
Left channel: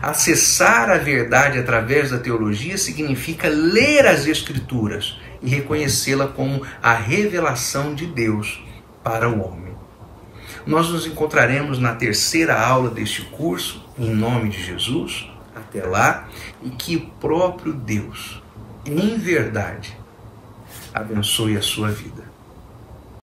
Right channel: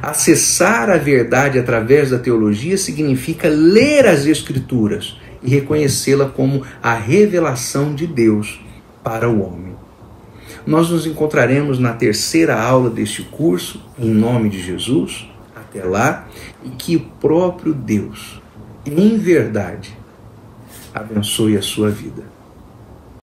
Acessar a verdade através da teologia significa ler as Escrituras e reconhecê-la como a revelação de Deus para o homem. Nós nos encontraremos na terceira aula deste curso, em nome de Jesus. Até lá, e que o próprio Deus, em verdade, abençoe a sua vida.